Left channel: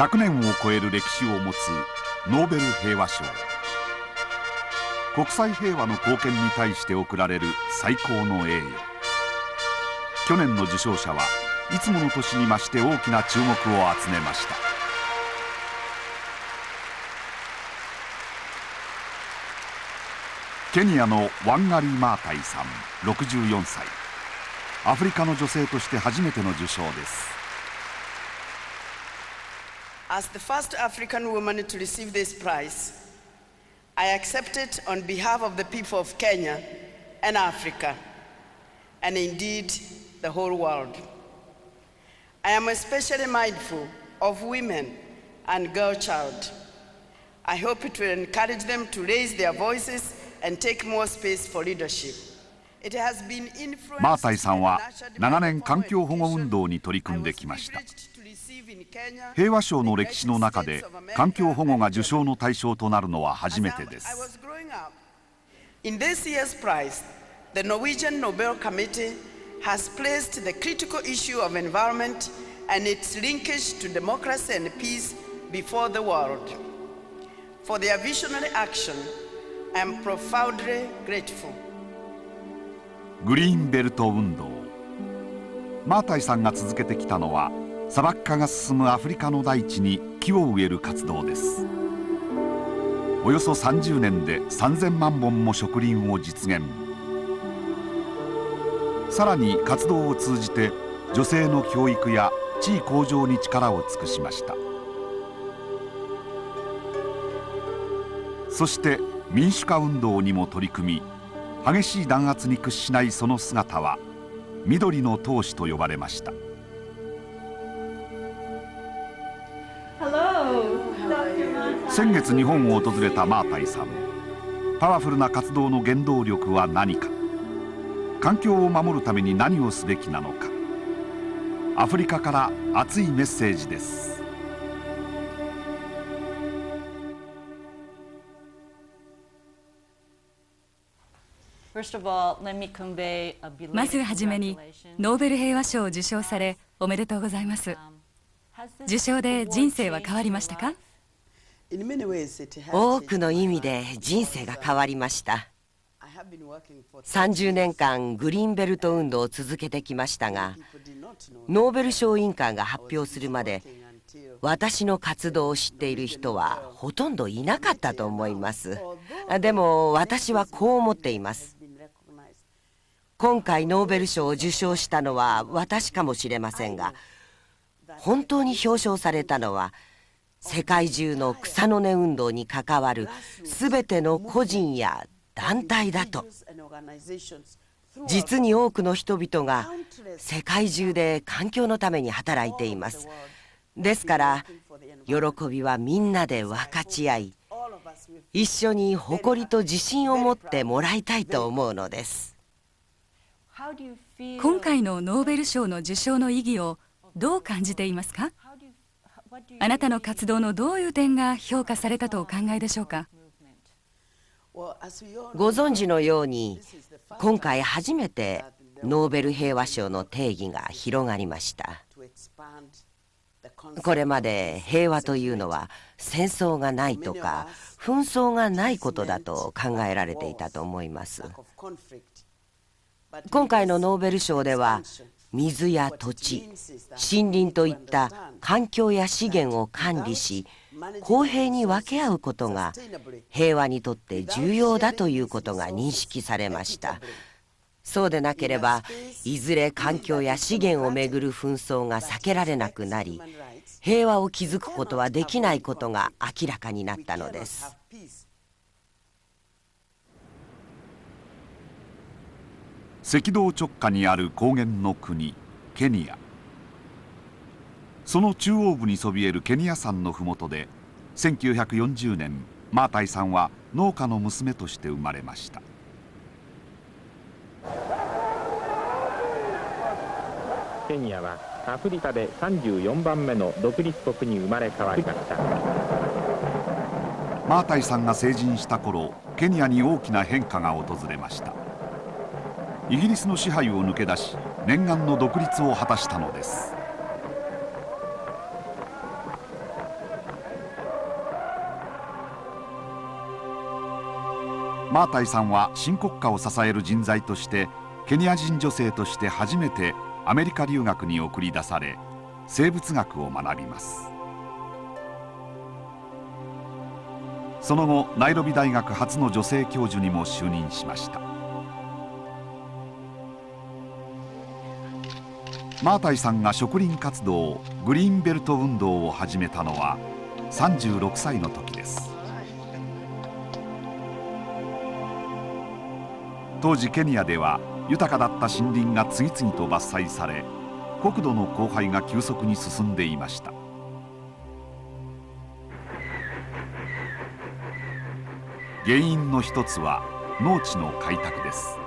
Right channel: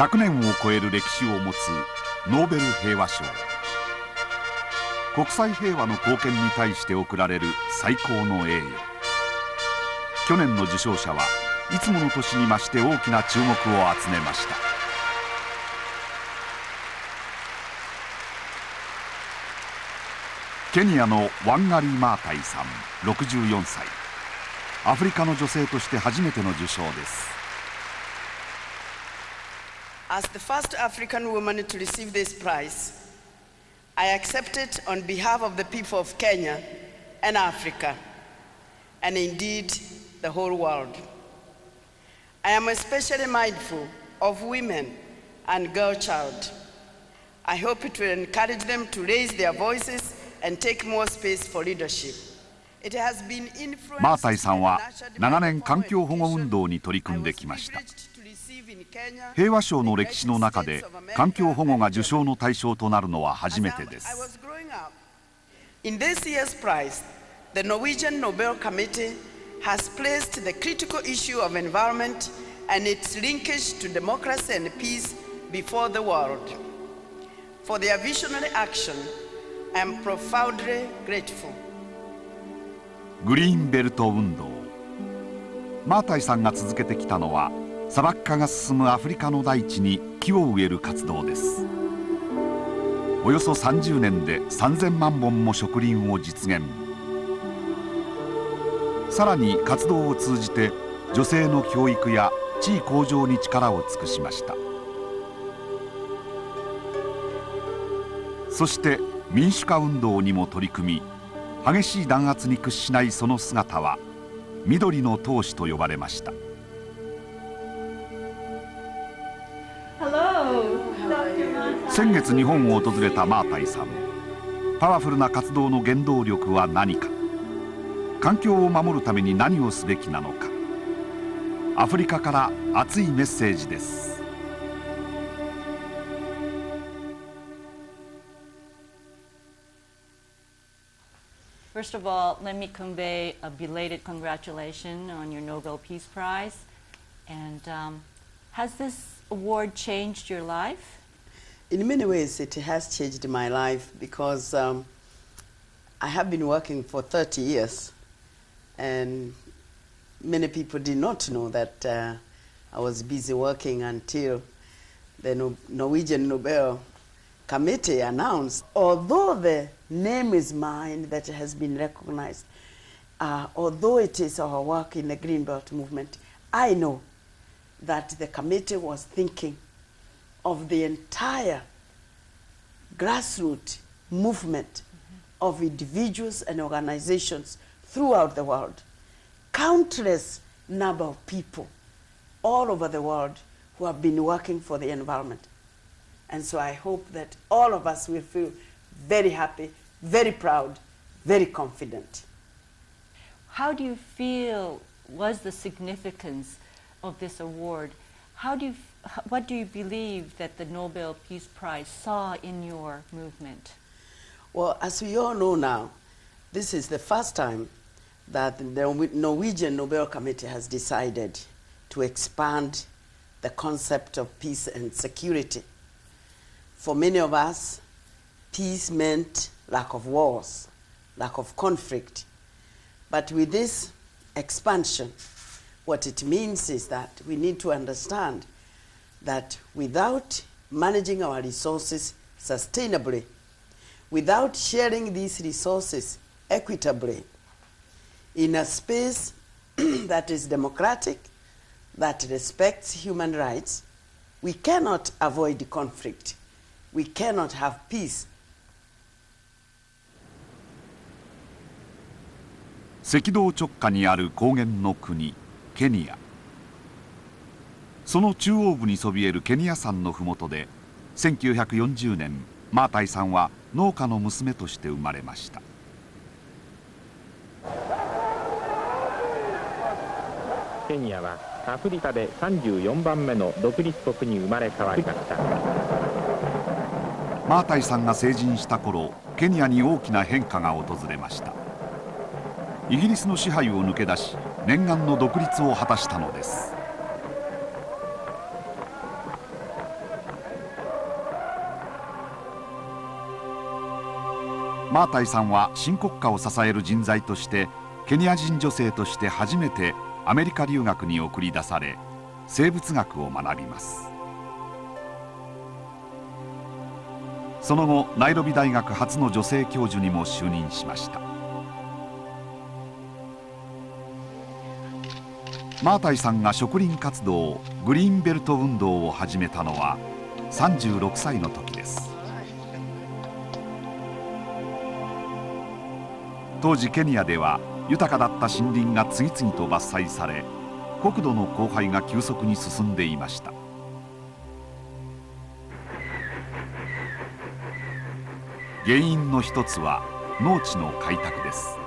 100年を超える歴史を持つノーベル平和賞。国際平和の貢献に対して贈られる最高の栄誉。去年の受賞者はいつもの年に増して大きな注目を集めました。ケニアのワンガリー・マータイさん64歳。アフリカの女性として初めての受賞です。As the first African woman to receive this prize, I accept it on behalf of the people of Kenya and Africa, and indeed the whole world. I am especially mindful of women and girl child. I hope it will encourage them to raise their voices and take more space for leadership. マータイさんは長年環境保護運動に取り組んできました。平和賞の歴史の中で環境保護が受賞の対象となるのは初めてです。In this year's prize, the Norwegian Nobel Committee has placed the critical issue of environment and its linkage to democracy and peace before the world. For their visionary action, I am profoundly grateful. グリーンベルト運動。マータイさんが続けてきたのは砂漠化が進むアフリカの大地に木を植える活動です。およそ30年で3000万本も植林を実現。さらに活動を通じて女性の教育や地位向上に力を尽くしました。そして民主化運動にも取り組み、激しい弾圧に屈しないその姿は緑の闘士と呼ばれました。先月日本を訪れたマータイさん。パワフルな活動の原動力は何か、環境を守るために何をすべきなのか。アフリカから熱いメッセージです。まずはじめにノーベル平和賞を受賞されおめでとうございます。受賞で人生は変わりましたか？多くの意味で人生が変わりました。30年間グリーンベルト運動を続けてきましたが、ノーベル賞委員会が発表するまで私の活動を知っている人はほとんどいなかったと思います。でも私はこう思っています。今回ノーベル賞を受賞したのは私かもしれませんが、本当に表彰されたのは世界中の草の根運動に関わる全ての個人や団体だと。実に多くの人々が世界中で環境のために働いています。ですから喜びはみんなで分かち合い、一緒に誇りと自信を持ってもらいたいと思うのです。今回のノーベル賞の受賞の意義をどう感じていますか？あなたの活動のどういう点が評価されたとお考えでしょうか？ご存知のように、今回初めてノーベル平和賞の定義が広がりました。これまで平和というのは戦争がないとか紛争がないことだと考えられていたと思います。今回のノーベル賞では水や土地、森林といった環境や資源を管理し公平に分け合うことが平和にとって重要だということが認識されました。そうでなければいずれ環境や資源をめぐる紛争が避けられなくなり、平和を築くことはできないことが明らかになったのです。赤道直下にある高原の国ケニア。その中央部にそびえるケニア山の麓で1940年マータイさんは農家の娘として生まれました。ケニアはアフリカで34番目の独立国に生まれ変わりました。マータイさんが成人した頃、ケニアに大きな変化が訪れました。イギリスの支配を抜け出し念願の独立を果たしたのです。マータイさんは新国家を支える人材としてケニア人女性として初めてアメリカ留学に送り出され生物学を学びます。その後ナイロビ大学初の女性教授にも就任しました。マータイさんが植林活動グリーンベルト運動を始めたのは36歳の時です。当時ケニアでは豊かだった森林が次々と伐採され国土の荒廃が急速に進んでいました。原因の一つは農地の開拓です。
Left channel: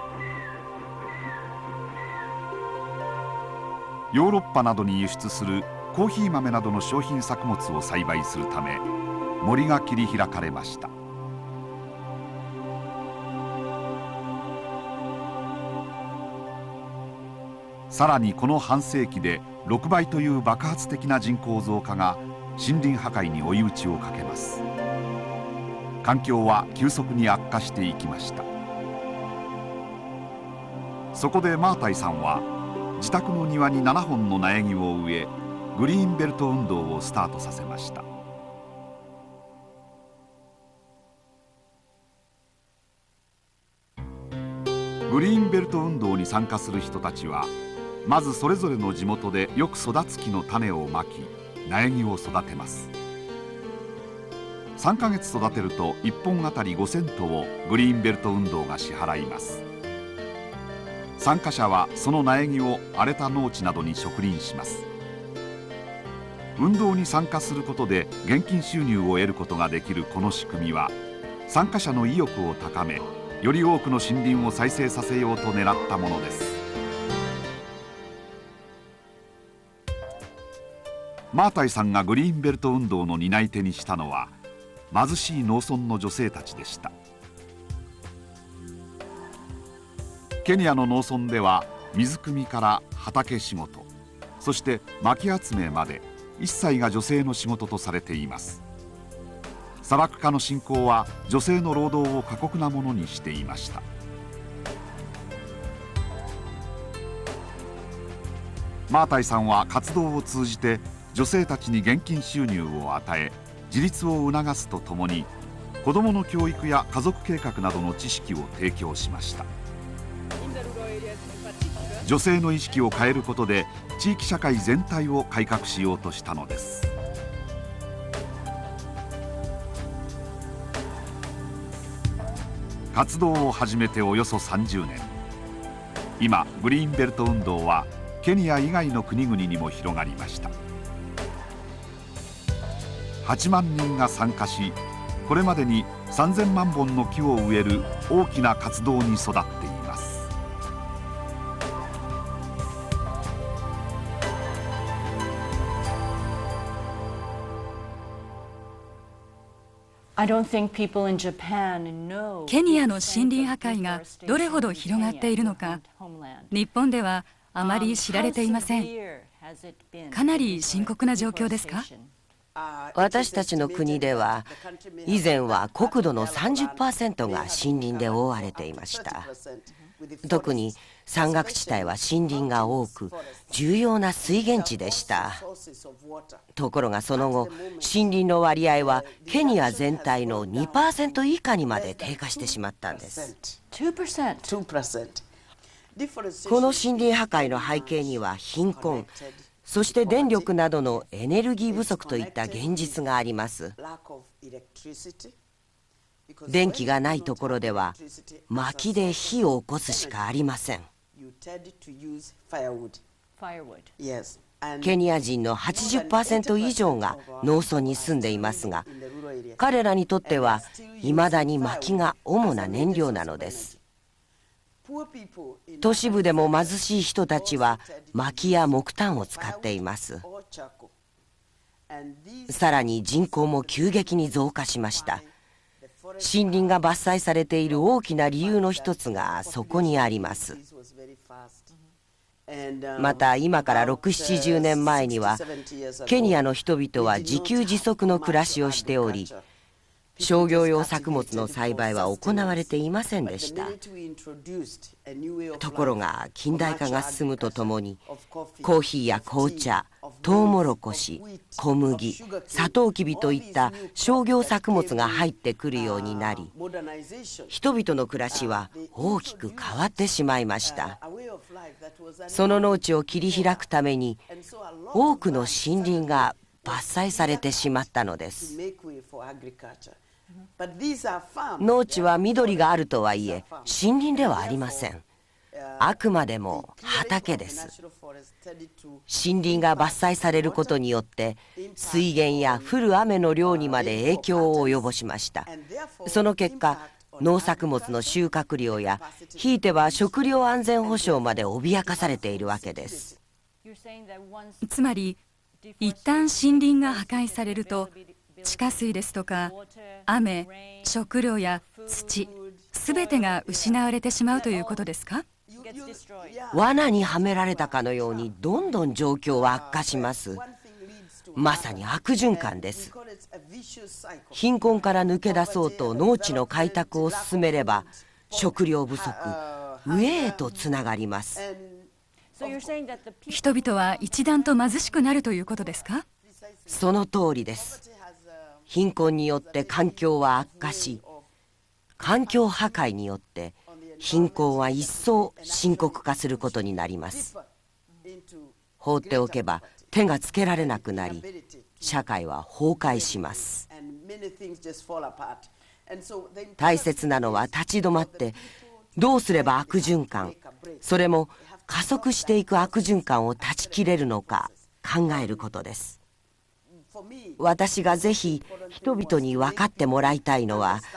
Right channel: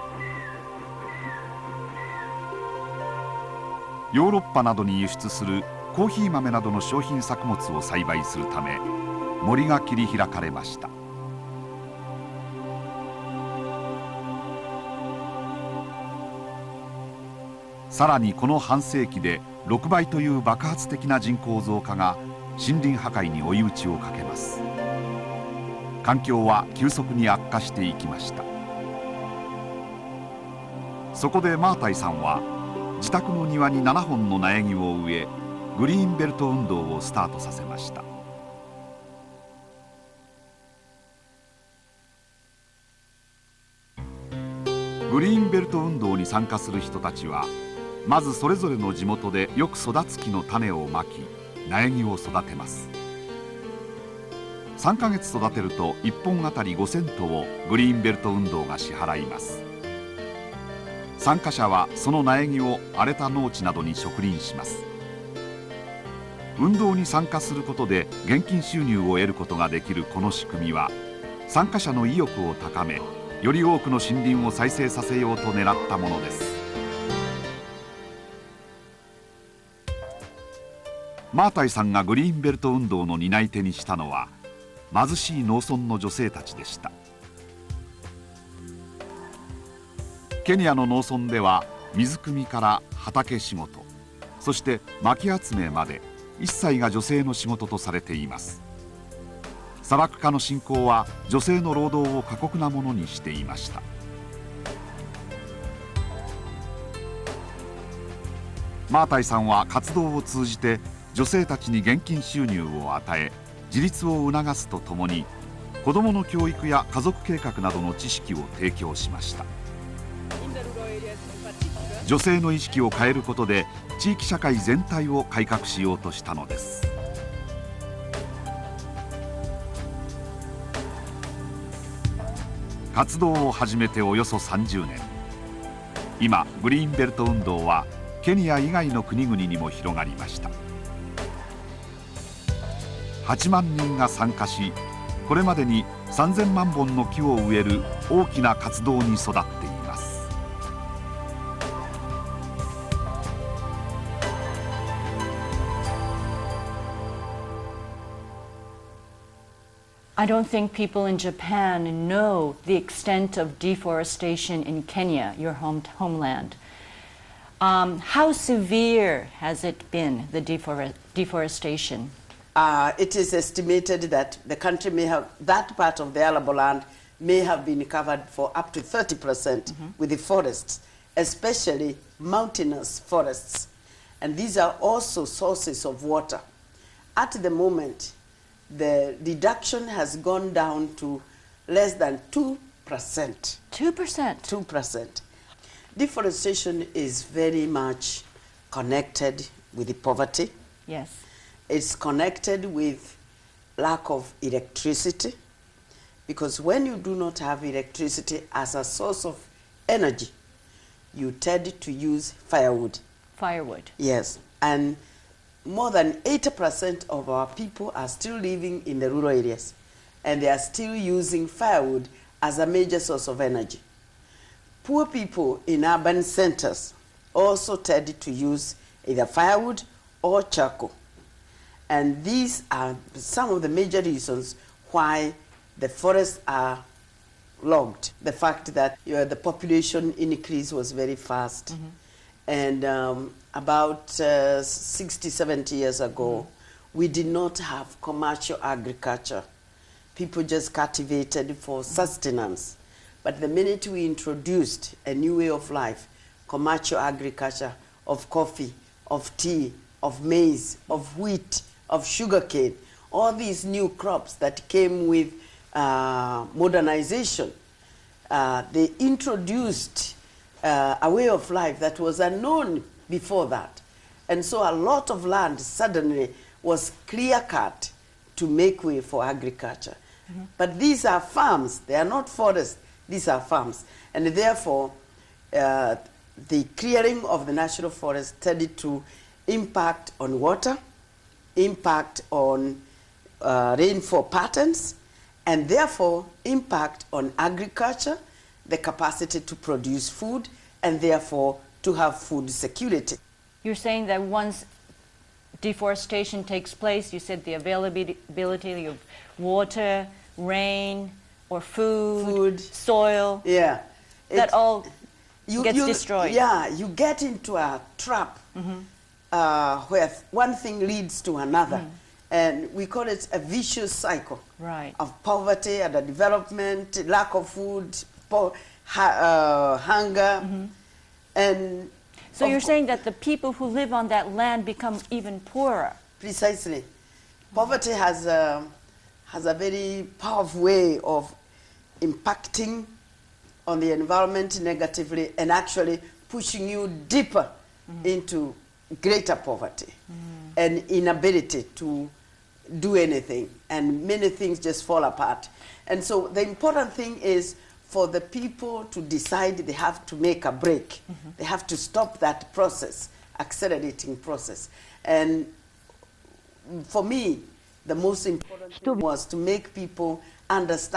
ヨーロッパなどに輸出するコーヒー豆などの商品作物を栽培するため森が切り開かれました。さらにこの半世紀で6倍という爆発的な人口増加が森林破壊に追い打ちをかけます。環境は急速に悪化していきました。そこでマータイさんは自宅の庭に7本の苗木を植えグリーンベルト運動をスタートさせました。グリーンベルト運動に参加する人たちはまずそれぞれの地元でよく育つ木の種をまき苗木を育てます。3ヶ月育てると1本あたり5セントをグリーンベルト運動が支払います。参加者はその苗木を荒れた農地などに植林します。運動に参加することで現金収入を得ることができるこの仕組みは参加者の意欲を高めより多くの森林を再生させようと狙ったものです。マータイさんがグリーンベルト運動の担い手にしたのは貧しい農村の女性たちでした。ケニアの農村では水汲みから畑仕事そして薪集めまで一切が女性の仕事とされています。砂漠化の進行は女性の労働を過酷なものにしていました。マータイさんは活動を通じて女性たちに現金収入を与え自立を促すとともに子どもの教育や家族計画などの知識を提供しました。女性の意識を変えることで地域社会全体を改革しようとしたのです。活動を始めておよそ30年。今グリーンベルト運動はケニア以外の国々にも広がりました。8万人が参加しこれまでに3000万本の木を植える大きな活動に育っています。I don't think people in Japan know the extent of deforestation in Kenya, your homeland. How severe has it been, the deforestation? 私たちの国では以前は国土の 30% が森林で覆われていました。特に山岳地帯は森林が多く重要な水源地でした。ところがその後森林の割合はケニア全体の 2% 以下にまで低下してしまったんです。2%。この森林破壊の背景には貧困そして電力などのエネルギー不足といった現実があります。電気がないところでは薪で火を起こすしかありません。ケニア人の 80% 以上が農村に住んでいますが彼らにとっては未だに薪が主な燃料なのです。都市部でも貧しい人たちは薪や木炭を使っています。さらに人口も急激に増加しました。森林が伐採されている大きな理由の一つがそこにあります。また今から6、70年前にはケニアの人々は自給自足の暮らしをしており商業用作物の栽培は行われていませんでした。ところが近代化が進むとともにコーヒーや紅茶、トウモロコシ、小麦、サトウキビといった商業作物が入ってくるようになり、人々の暮らしは大きく変わってしまいました。その農地を切り開くために多くの森林が伐採されてしまったのです。農地は緑があるとはいえ森林ではありません。あくまでも畑です。森林が伐採されることによって水源や降る雨の量にまで影響を及ぼしました。その結果、農作物の収穫量やひいては食料安全保障まで脅かされているわけです。つまり一旦森林が破壊されると地下水ですとか雨、食料や土、すべてが失われてしまうということですか？罠にはめられたかのようにどんどん状況は悪化します。まさに悪循環です。貧困から抜け出そうと農地の開拓を進めれば食料不足、飢えへとつながります。人々は一段と貧しくなるということですか？その通りです。貧困によって環境は悪化し、環境破壊によって貧困は一層深刻化することになります。放っておけば手がつけられなくなり、社会は崩壊します。大切なのは立ち止まってどうすれば悪循環、それも加速していく悪循環を断ち切れるのか考えることです。私がぜひ人々に分かってもらいたいのは、立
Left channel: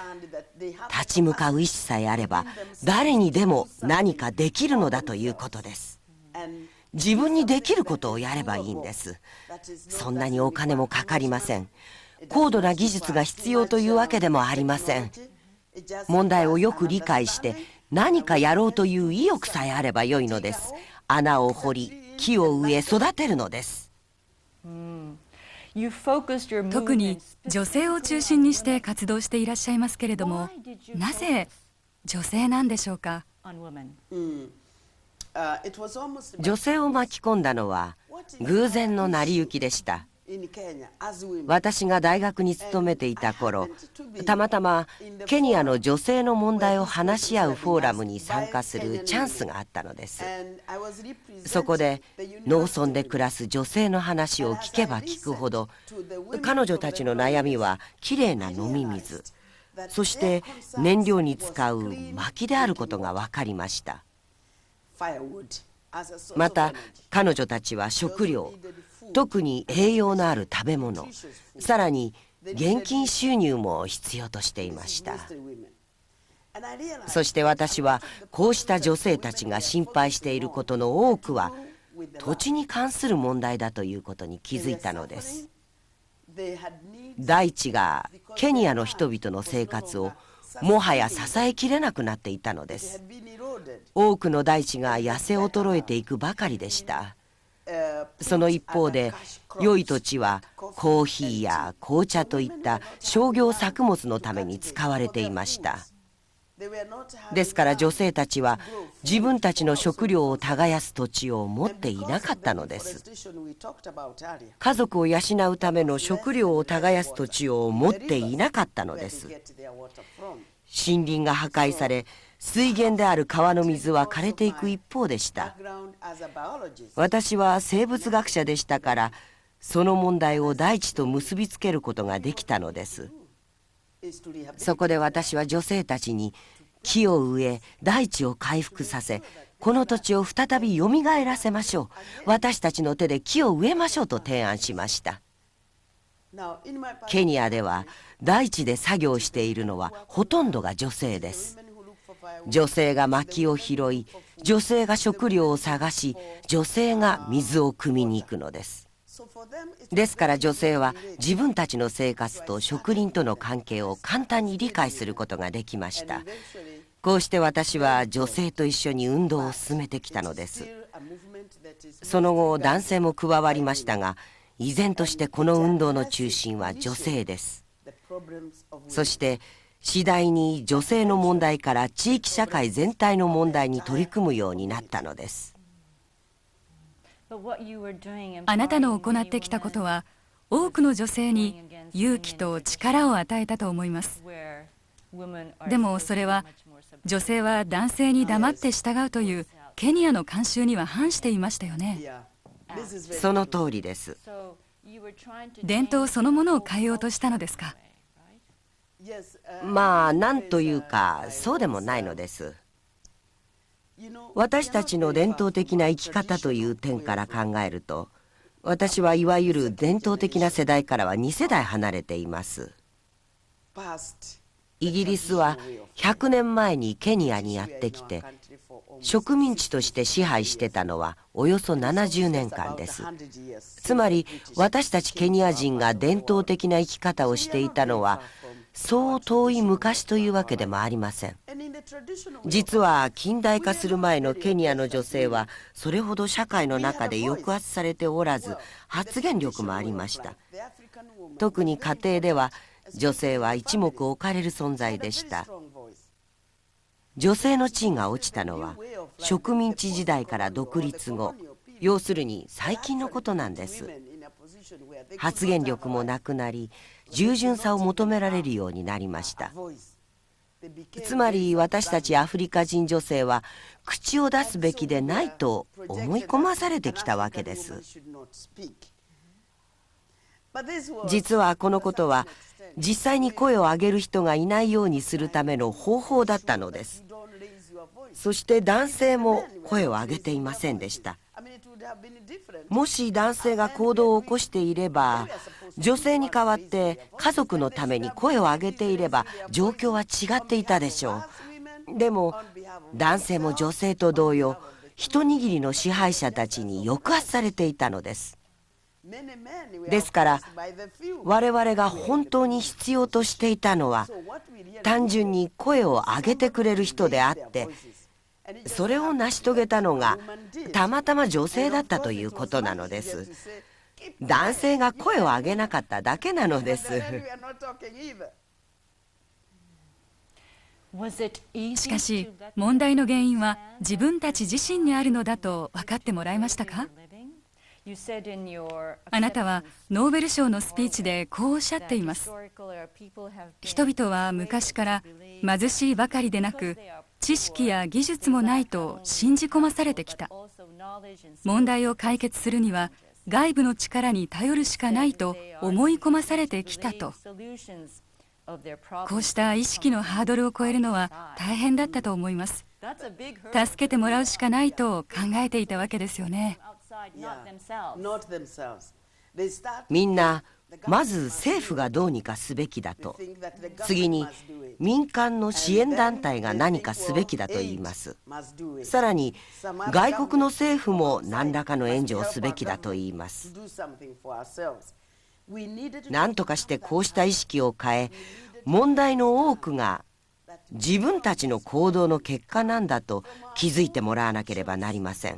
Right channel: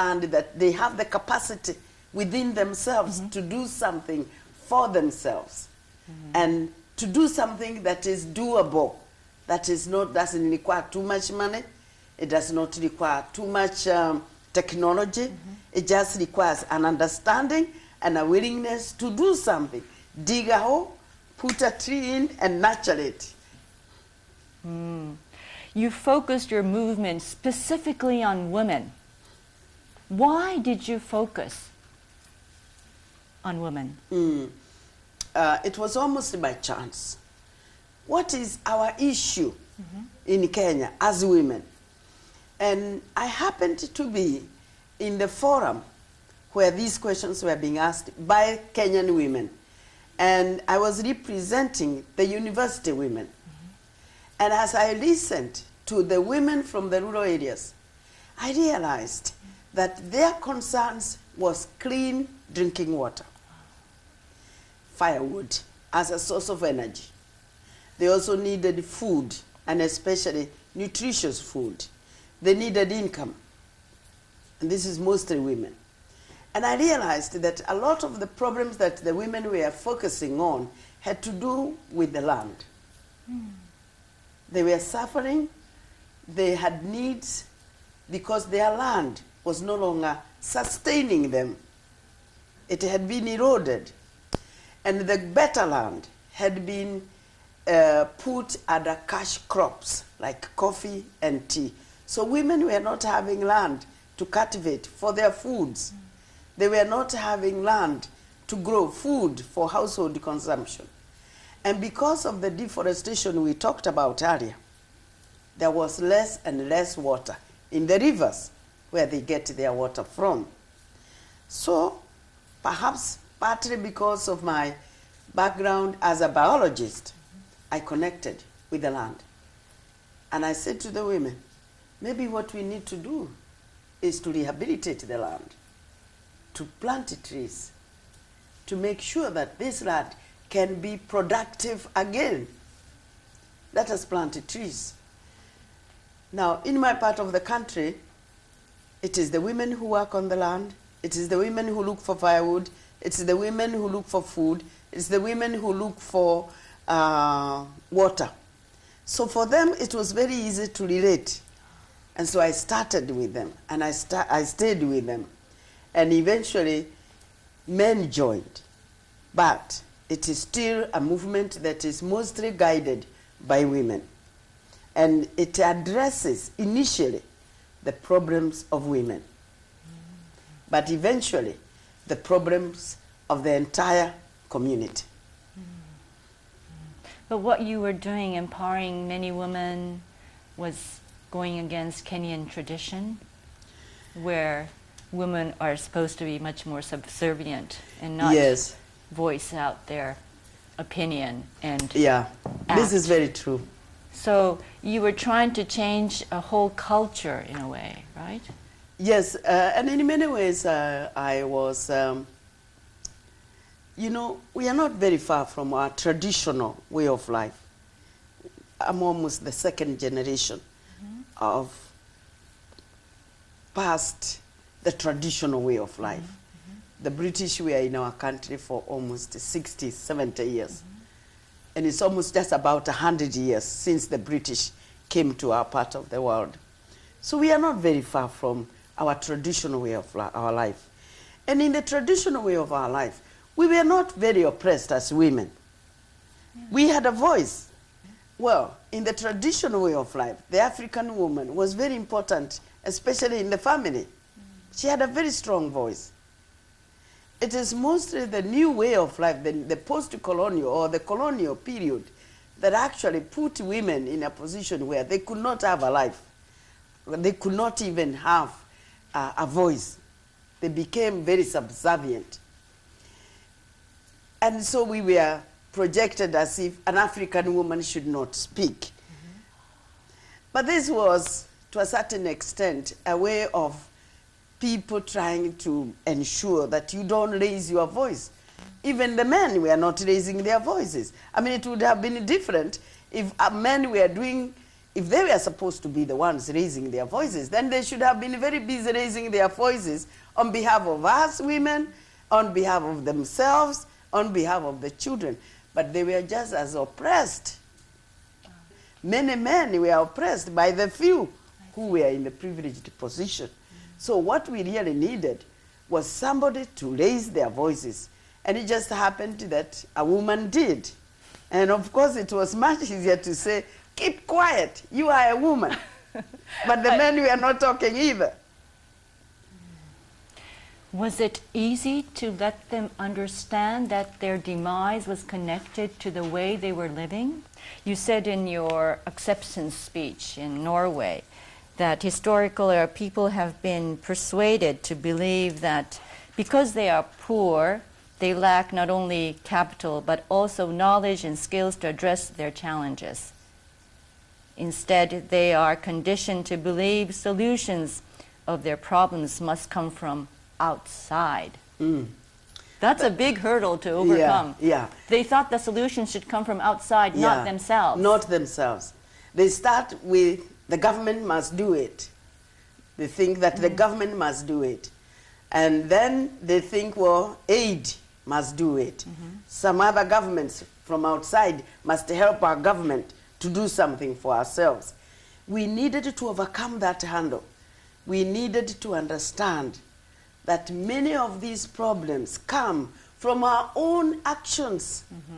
ち向かう意志さえあれば誰にでも何かできるのだということです。自分にできることをやればいいんです。そんなにお金もかかりません。高度な技術が必要というわけでもありません。問題をよく理解して何かやろうという意欲さえあればよいのです。穴を掘り木を植え育てるのです。特に女性を中心にして活動していらっしゃいますけれども、なぜ女性なんでしょうか？女性を巻き込んだのは偶然の成り行きでした。私が大学に勤めていた頃、たまたまケニアの女性の問題を話し合うフォーラムに参加するチャンスがあったのです。そこでローソンで暮らす女性の話を聞けば聞くほど、彼女たちの悩みはきれいな飲み水、そして燃料に使う薪であることが分かりました。また彼女たちは食料、特に栄養のある食べ物、さらに現金収入も必要としていました。そして私はこうした女性たちが心配していることの多くは土地に関する問題だということに気づいたのです。大地がケニアの人々の生活をもはや支えきれなくなっていたのです。多くの大地が痩せ衰えていくばかりでした。その一方で良い土地はコーヒーや紅茶といった商業作物のために使われていました。ですから女性たちは自分たちの食料を耕す土地を持っていなかったのです。家族を養うための食料を耕す土地を持っていなかったのです。森林が破壊され、水源である川の水は枯れていく一方でした。私は生物学者でしたから、その問題を大地と結びつけることができたのです。そこで私は女性たちに木を植え大地を回復させ、この土地を再びよみがえらせましょう、私たちの手で木を植えましょうと提案しました。ケニアでは大地で作業しているのはほとんどが女性です。女性が薪を拾い、女性が食料を探し、女性が水を汲みに行くのです。ですから女性は自分たちの生活と職人との関係を簡単に理解することができました。こうして私は女性と一緒に運動を進めてきたのです。その後男性も加わりましたが、依然としてこの運動の中心は女性です。そして次第に女性の問題から地域社会全体の問題に取り組むようになったのです。あなたの行ってきたことは多くの女性に勇気と力を与えたと思います。でもそれは女性は男性に黙って従うというケニアの慣習には反していましたよね。その通りです。伝統そのものを変えようとしたのですか？まあ何というかそうでもないのです。私たちの伝統的な生き方という点から考えると、私はいわゆる伝統的な世代からは2世代離れています。イギリスは100年前にケニアにやってきて植民地として支配してたのはおよそ70年間です。つまり私たちケニア人が伝統的な生き方をしていたのはそう遠い昔というわけでもありません。実は近代化する前のケニアの女性はそれほど社会の中で抑圧されておらず発言力もありました。特に家庭では女性は一目置かれる存在でした。女性の地位が落ちたのは植民地時代から独立後、要するに最近のことなんです。発言力もなくなり、従順さを求められるようになりました。つまり私たちアフリカ人女性は口を出すべきでないと思い込まされてきたわけです。実はこのことは実際に声を上げる人がいないようにするための方法だったのです。そして男性も声を上げていませんでした。もし男性が行動を起こしていれば、女性に代わって家族のために声を上げていれば状況は違っていたでしょう。でも男性も女性と同様、一握りの支配者たちに抑圧されていたのです。ですから我々が本当に必要としていたのは単純に声を上げてくれる人であって、それを成し遂げたのがたまたま女性だったということなのです。男性が声を上げなかっただけなのです。しかし問題の原因は自分たち自身にあるのだと分かってもらいましたか？あなたはノーベル賞のスピーチでこうおっしゃっています。人々は昔から貧しいばかりでなく、知識や技術もないと信じ込まされてきた。問題を解決するには外部の力に頼るしかないと思い込まされてきたと。こうした意識のハードルを超えるのは大変だったと思います。助けてもらうしかないと考えていたわけですよね。みんなまず政府がどうにかすべきだと、次に民間の支援団体が何かすべきだと言います。さらに外国の政府も何らかの援助をすべきだと言います。何とかしてこうした意識を変え、問題の多くが自分たちの行動の結果なんだと気づいてもらわなければなりません。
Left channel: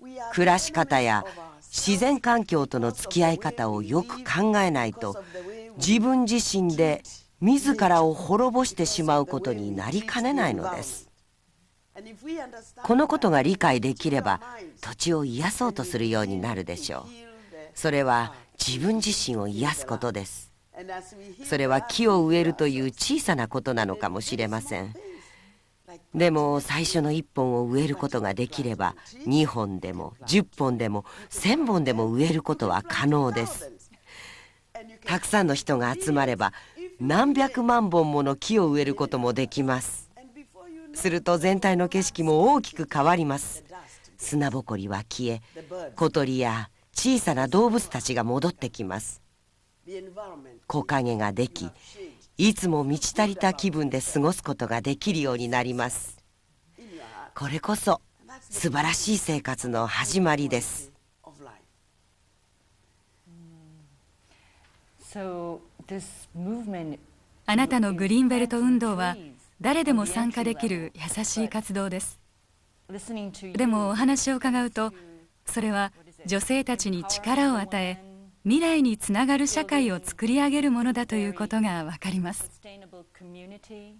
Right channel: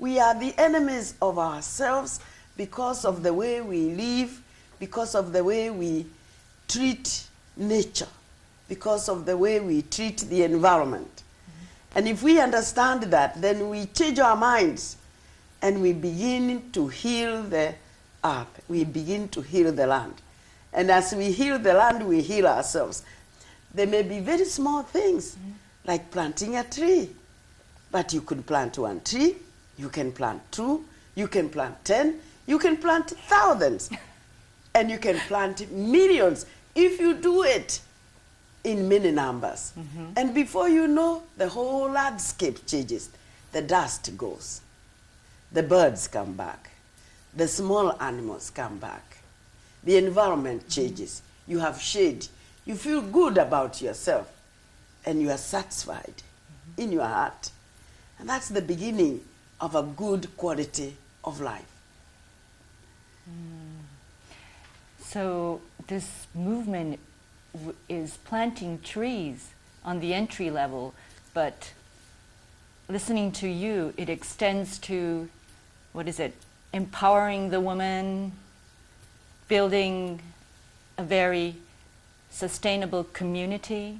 暮らし方や自然環境との付き合い方をよく考えないと、自分自身で自らを滅ぼしてしまうことになりかねないのです。このことが理解できれば土地を癒そうとするようになるでしょう。それは自分自身を癒すことです。それは木を植えるという小さなことなのかもしれません。でも最初の1本を植えることができれば2本でも10本でも1000本でも植えることは可能です。たくさんの人が集まれば何百万本もの木を植えることもできます。すると全体の景色も大きく変わります。砂ぼこりは消え、小鳥や小さな動物たちが戻ってきます。木陰ができ、いつも満ち足りた気分で過ごすことができるようになります。これこそ素晴らしい生活の始まりです。あなたのグリーンベルト運動は誰でも参加できる優しい活動です。listening to you, でもお it 話を伺う extends と to それは what is it? 女性たちに Empowering 力を the 与え woman, 未来につながる社会を building 作り上げるものだということがわかります。 sustainable community.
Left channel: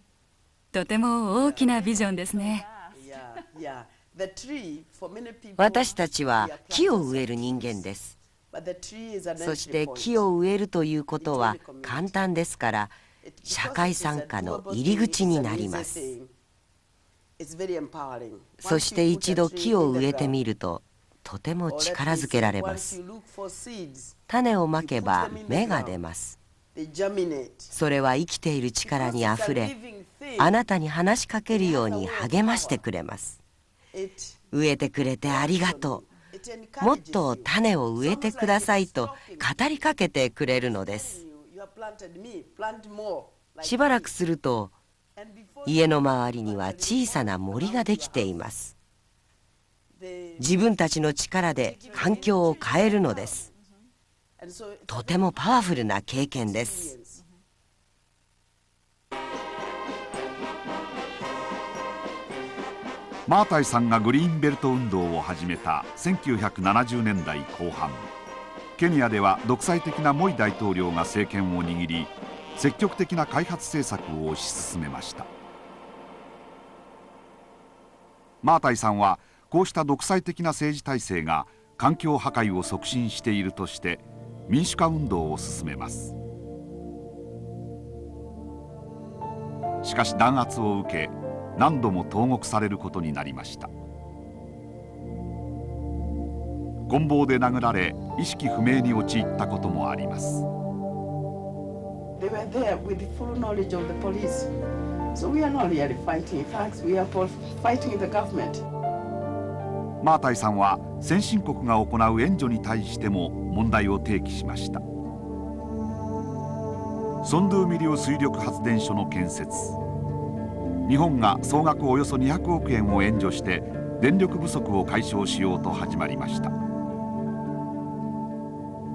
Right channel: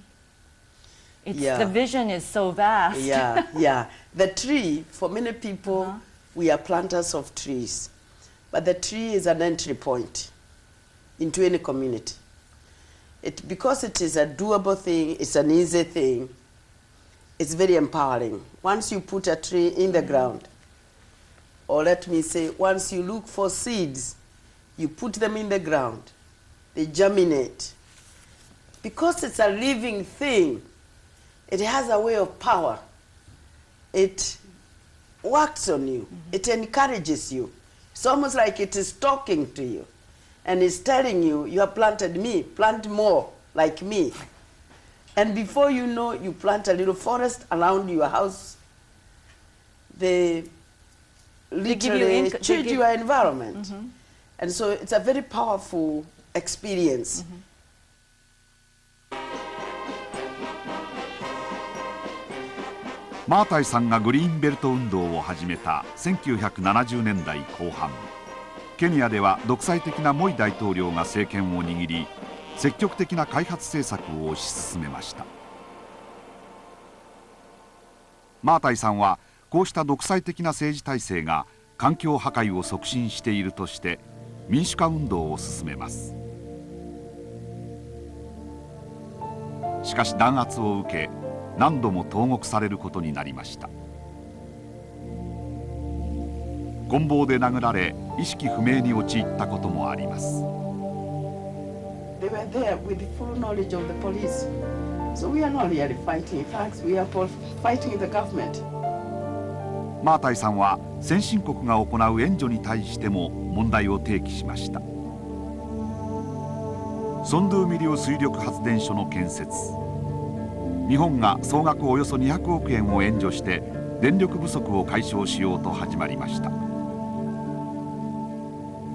とても The 大きなビジョン vision で is す so ね。 vast. Yeah, yeah. The tree, for many people, 私たちは we are 木を planters 植え of る人間で trees. す。 But the tree is an そし entry て point. 木を植えるということは into any community. 簡単ですから、 Because it is a 社会参加の doable 入り thing, 口に it's な an りま easy す。 thing. It's very empowering. そ Once して you put 一 a 度 tree 木を in 植 the えてみ ground, るととても or let 力 me づけら say, れま once す。 you look for seeds, 種をま you け put ば them in the 芽が出 ground. ます。 They germinate. それは生きている力 Because にあ it's a ふれ、 living あな thing, たに話しかけるよ It has a う way に of 励ましてくれます。 it 植えてくれてあり works がと on う。 you. It もっ encourages と you. 種を植 It's えて almost くだ like さ it い is と talking 語 to り you. かけてく And れる it's ので telling you, you have planted me, plant more す。 like しばら me. くすると And before 家 you の know, 周 you りには plant a little 小さな forest 森が around で your きていま house. す。 They 自分たちの力で literally 環境を change 変え your るのです。 environment. And so it's a とて very もパワフル powerful な経験です。 experience. マータイさんがグリーンベルト運動を始めた1970年代後半、ケニアでは独裁的なモイ大統領が政権を握り、積極的な開発政策を推し進めました。マータイさんはこうした独裁的な政治体制が環境破壊を促進しているとして民主化運動を進めます。しかし弾圧を受け、何度も投獄されることになりました。棍棒で殴られ意識不明に陥ったこともあります。 They were there with the full knowledge of the police. So we are not really fighting. In fact, we are fighting the government. マータイさんは先進国が行う援助に対しても問題を提起しました。ソンドゥーミリオ水力発電所の建設、日本が総額およそ200億円を援助して電力不足を解消しようと始まりました。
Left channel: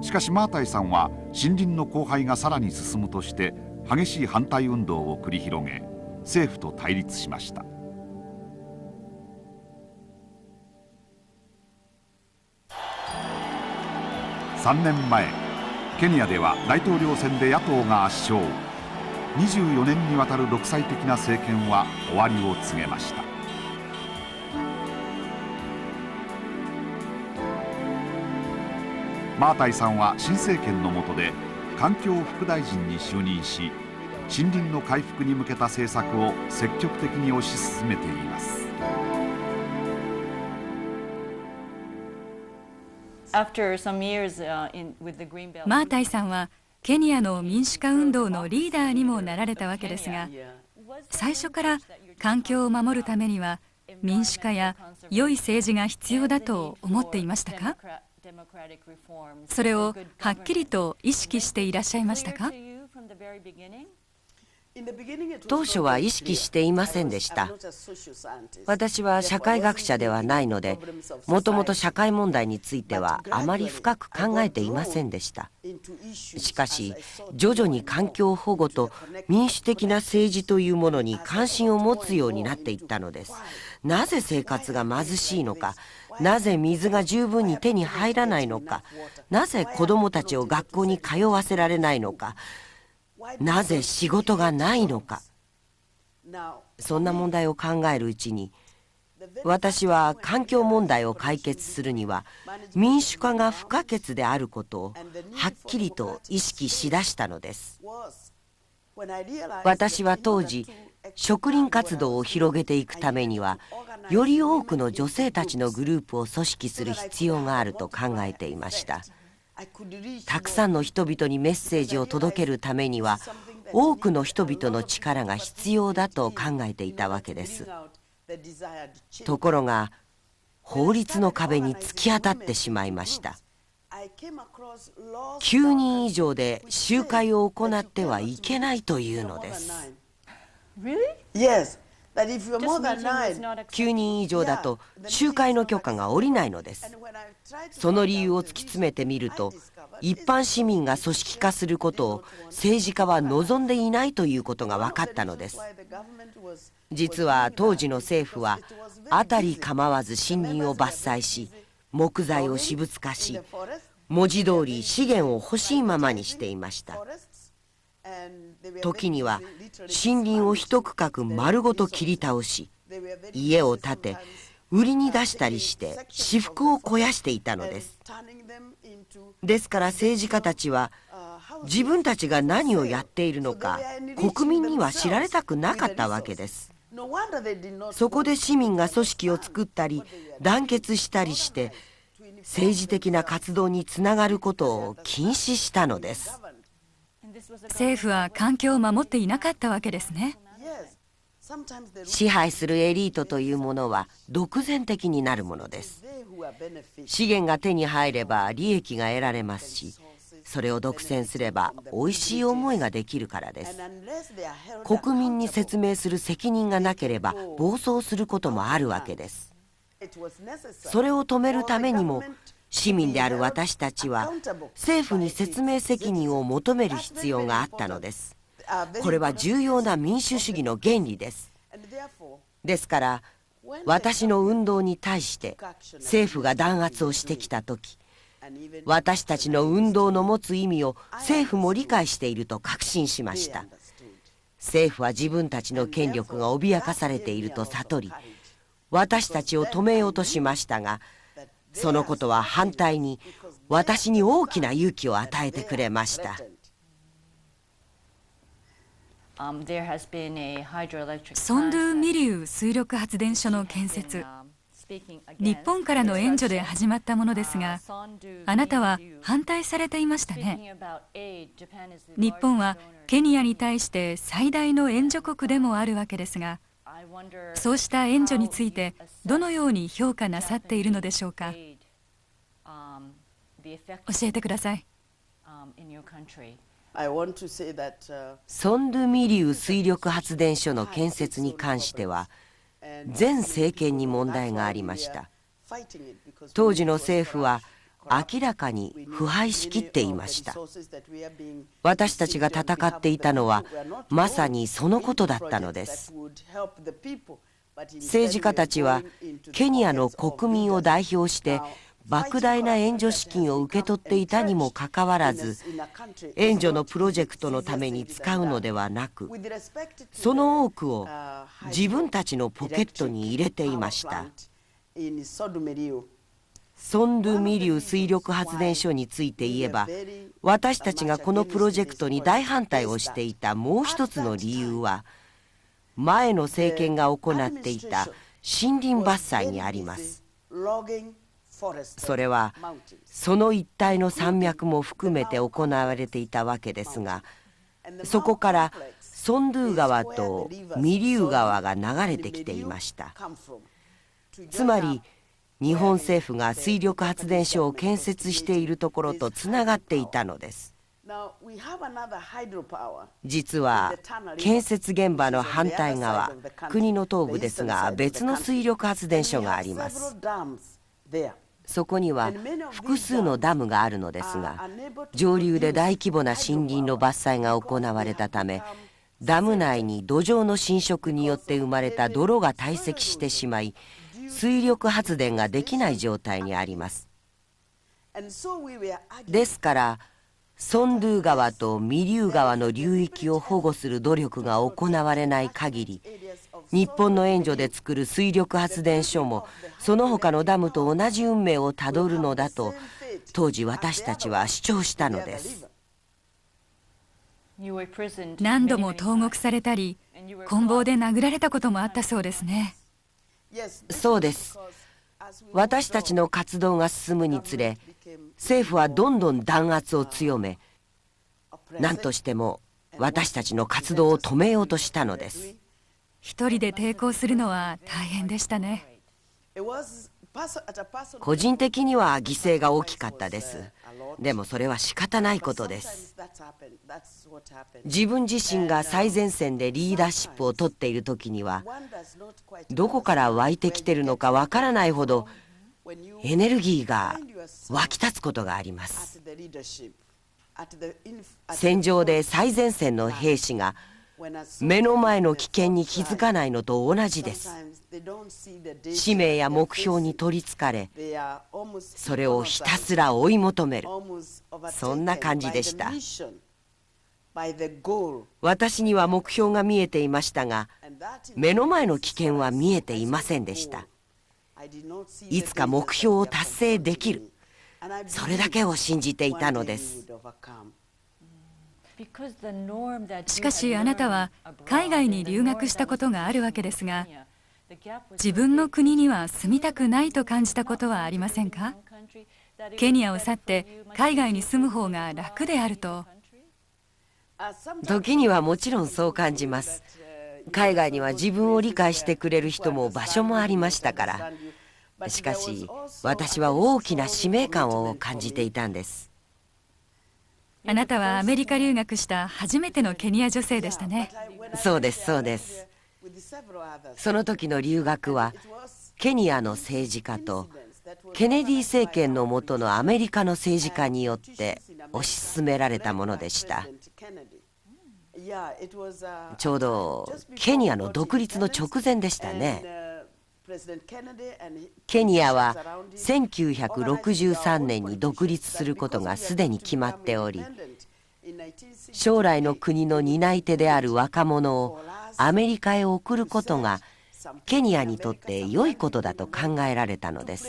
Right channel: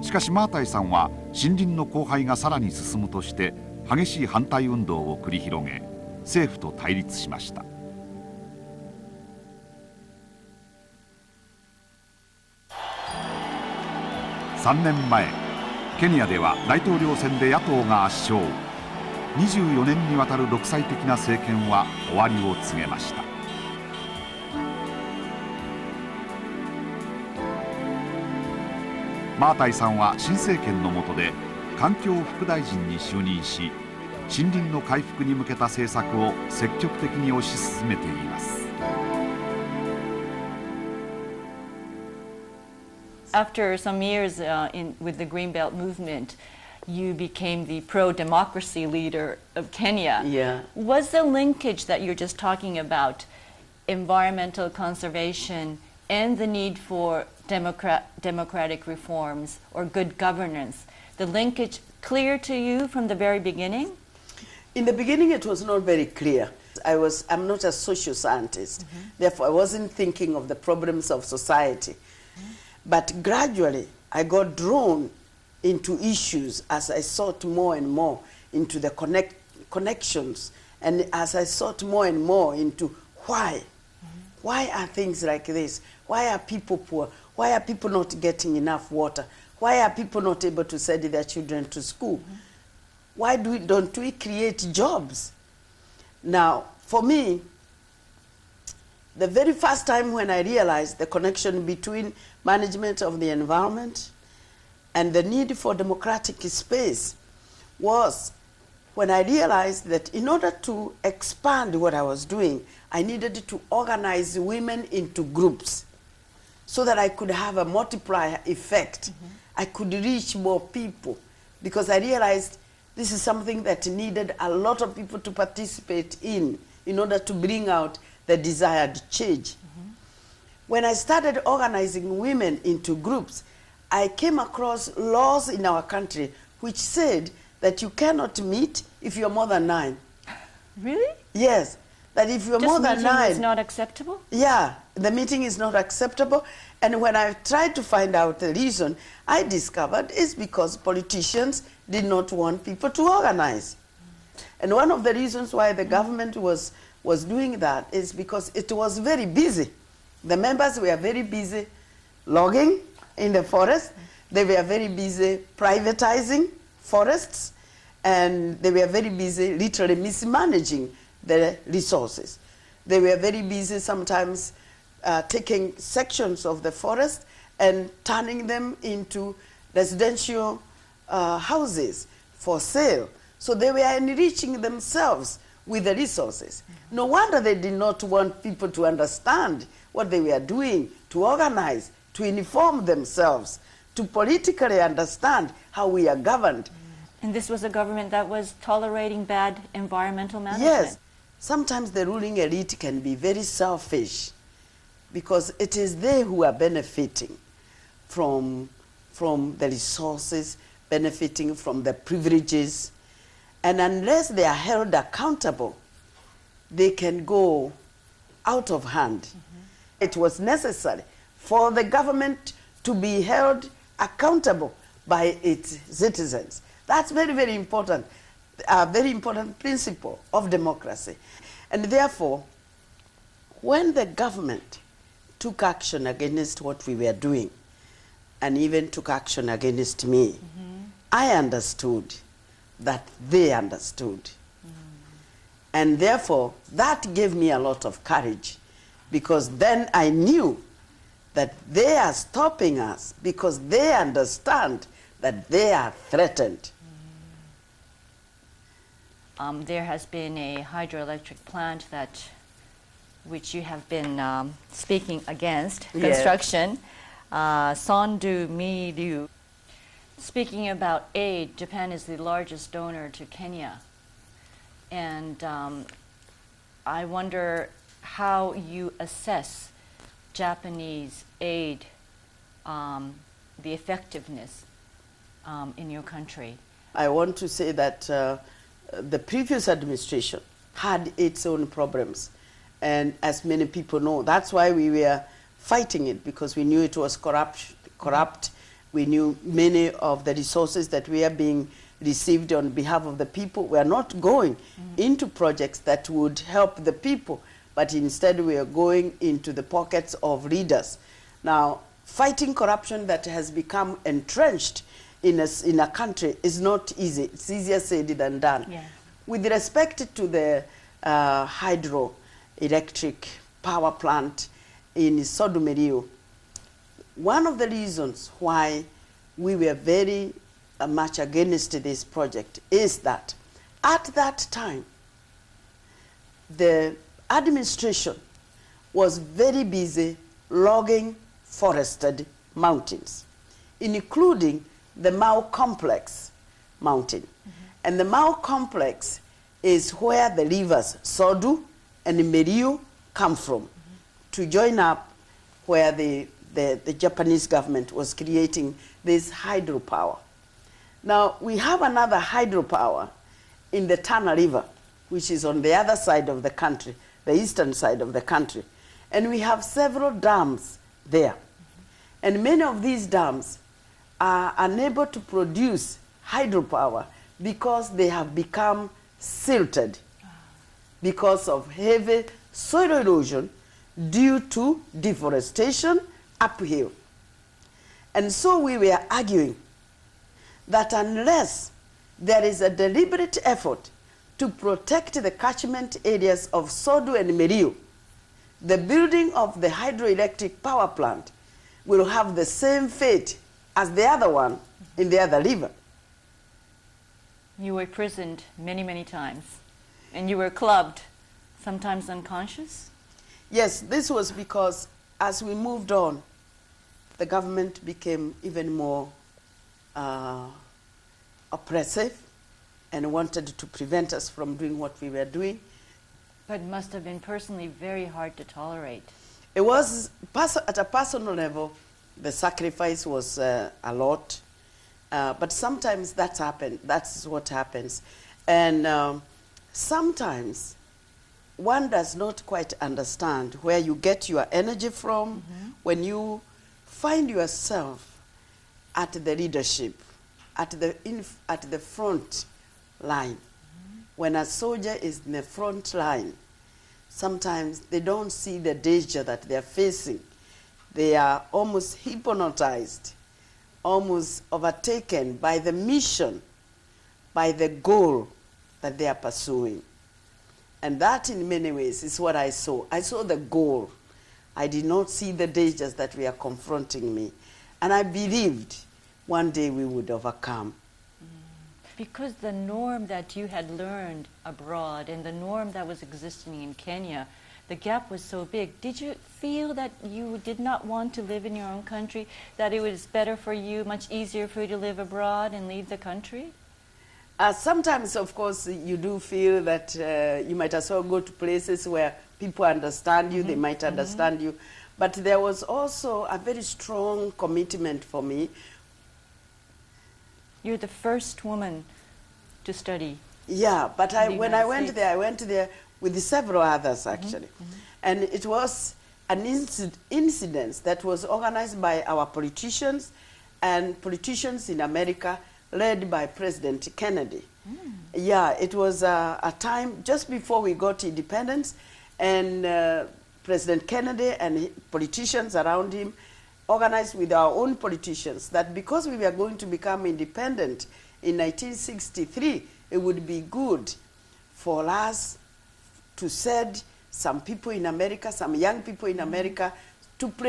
しかしマータイさんは森林の荒廃がさらに進むとして激しい反対運動を繰り広げ、政府と対立しました。3年前、ケニアでは大統領選で野党が圧勝。24年にわたる独裁的な政権は終わりを告げました。マータイさんは新政権の下で環境副大臣に就任し、森林の回復に向けた政策を積極的に推し進めています。After some years with the Greenbelt マータイさん movement, はケニアの民主化運動のリーダーにもなられたわけですが、 Yeah. was the 最初から linkage that you're just 環境を talking 守るた about めには民主化 environmental や良い政治 conservation が必要 and だ the と need 思って for いましたか？ democratic reforms それ or を good はっきり governance? と意 The 識していらっ linkage しゃいました clear か？ to you from the very beginning? In the beginning, it 当 was 初 not は very 意識 clear. していませんでした。 I'm not a social scientist. 私は社会学者ではないので、もともと社会問題についてはあまり深く考えていませんでした。しかし、徐々に環境保護と民主的な政治というものに関心を持つようになっていったのです。なぜ生活が貧しいのか、なぜ水が十分に手に入らないのか、なぜ子どもたちを学校に通わせられないのか、なぜ仕事がないのか。そんな問題を考えるうちに、私は環境問題を解決するには民主化が不可欠であることをはっきりと意識しだしたのです。私は当時、職員活動を広げていくためには、より多くの女性たちのグループを組織する必要があると考えていました。たくさんの人々にメッセージを届けるためには、多くの人々の力が必要だと考えていたわけです。ところが、法律の壁に突き当たってしまいました。9人以上で集会を行ってはいけないというのです。Yes. that if you're more than 9, 9人以上だと集会の許可が下りないのです。その理由を突き詰めてみると、一般市民が組織化することを政治家は望んでいないということが分かったのです。実は当時の政府は辺り構わず森林を伐採し、木材を私物化し、文字通り資源を欲しいままにしていました。時には森林を一区画丸ごと切り倒し、家を建て売りに出したりして私腹を肥やしていたのです。ですから政治家たちは自分たちが何をやっているのか国民には知られたくなかったわけです。そこで市民が組織を作ったり団結したりして政治的な活動につながることを禁止したのです。政府は環境を守っていなかったわけですね。支配するエリートというものは独善的になるものです。資源が手に入れば利益が得られますし、それを独占すればおいしい思いができるからです。国民に説明する責任がなければ暴走することもあるわけです。それを止めるためにも市民である私たちは政府に説明責任を求める必要があったのです。これは重要な民主主義の原理です。ですから私の運動に対して政府が弾圧をしてきたとき、私たちの運動の持つ意味を政府も理解していると確信しました。政府は自分たちの権力が脅かされていると悟り、私たちを止めようとしましたが、そのことは反対に私に大きな勇気を与えてくれました。ソンドゥミリュー水力発電所の建設、日本からの援助で始まったものですが、あなたは反対されていましたね。日本はケニアに対して最大の援助国でもあるわけですが、そうした援助についてどのように評価なさっているのでしょうか。教えてください。ソンドゥミリュー水力発電所の建設に関しては前政権に問題がありました。当時の政府は明らかに腐敗しきっていました。私たちが戦っていたのはまさにそのことだったのです。政治家たちはケニアの国民を代表して莫大な援助資金を受け取っていたにもかかわらず、援助のプロジェクトのために使うのではなく、その多くを自分たちのポケットに入れていました。ソンドゥミリュー水力発電所について言えば、私たちがこのプロジェクトに大反対をしていたもう一つの理由は、前の政権が行っていた森林伐採にあります。それはその一帯の山脈も含めて行われていたわけですが、そこからソンドゥ川とミリュー川が流れてきていました。つまり日本政府が水力発電所を建設しているところとつながっていたのです。実は建設現場の反対側、国の東部ですが別の水力発電所があります。そこには複数のダムがあるのですが、上流で大規模な森林の伐採が行われたため、ダム内に土壌の侵食によって生まれた泥が堆積してしまい、水力発電ができない状態にあります。ですからソンドゥ川とミリュー川の流域を保護する努力が行われない限り、日本の援助で作る水力発電所もその他のダムと同じ運命をたどるのだと当時私たちは主張したのです。何度も投獄されたり、棍棒で殴られたこともあったそうですね。そうです。私たちの活動が進むにつれ、政府はどんどん弾圧を強め、何としても私たちの活動を止めようとしたのです。一人で抵抗するのは大変でしたね。個人的には犠牲が大きかったです。でもそれは仕方ないことです。自分自身が最前線でリーダーシップを取っている時には、どこから湧いてきているのかわからないほどエネルギーが湧き立つことがあります。戦場で最前線の兵士が目の前の危険に気づかないのと同じです。使命や目標に取りつかれ、それをひたすら追い求める、そんな感じでした。私には目標が見えていましたが、目の前の危険は見えていませんでした。いつか目標を達成できる、それだけを信じていたのです。しかしあなたは海外に留学したことがあるわけですが、自分の国には住みたくないと感じたことはありませんか？ケニアを去って海外に住む方が楽であると。時にはもちろんそう感じます。海外には自分を理解してくれる人も場所もありましたから。しかし私は大きな使命感を感じていたんです。あなたはアメリカ留学した初めてのケニア女性でしたね。そうです、そうです。その時の留学はケニアの政治家とケネディ政権の下のアメリカの政治家によって推し進められたものでした。ちょうどケニアの独立の直前でしたね。ケニアは1963年に独立することがすでに決まっており、将来の国の担い手である若者をアメリカへ送ることがケニアにとって良いことだと考えられたのです。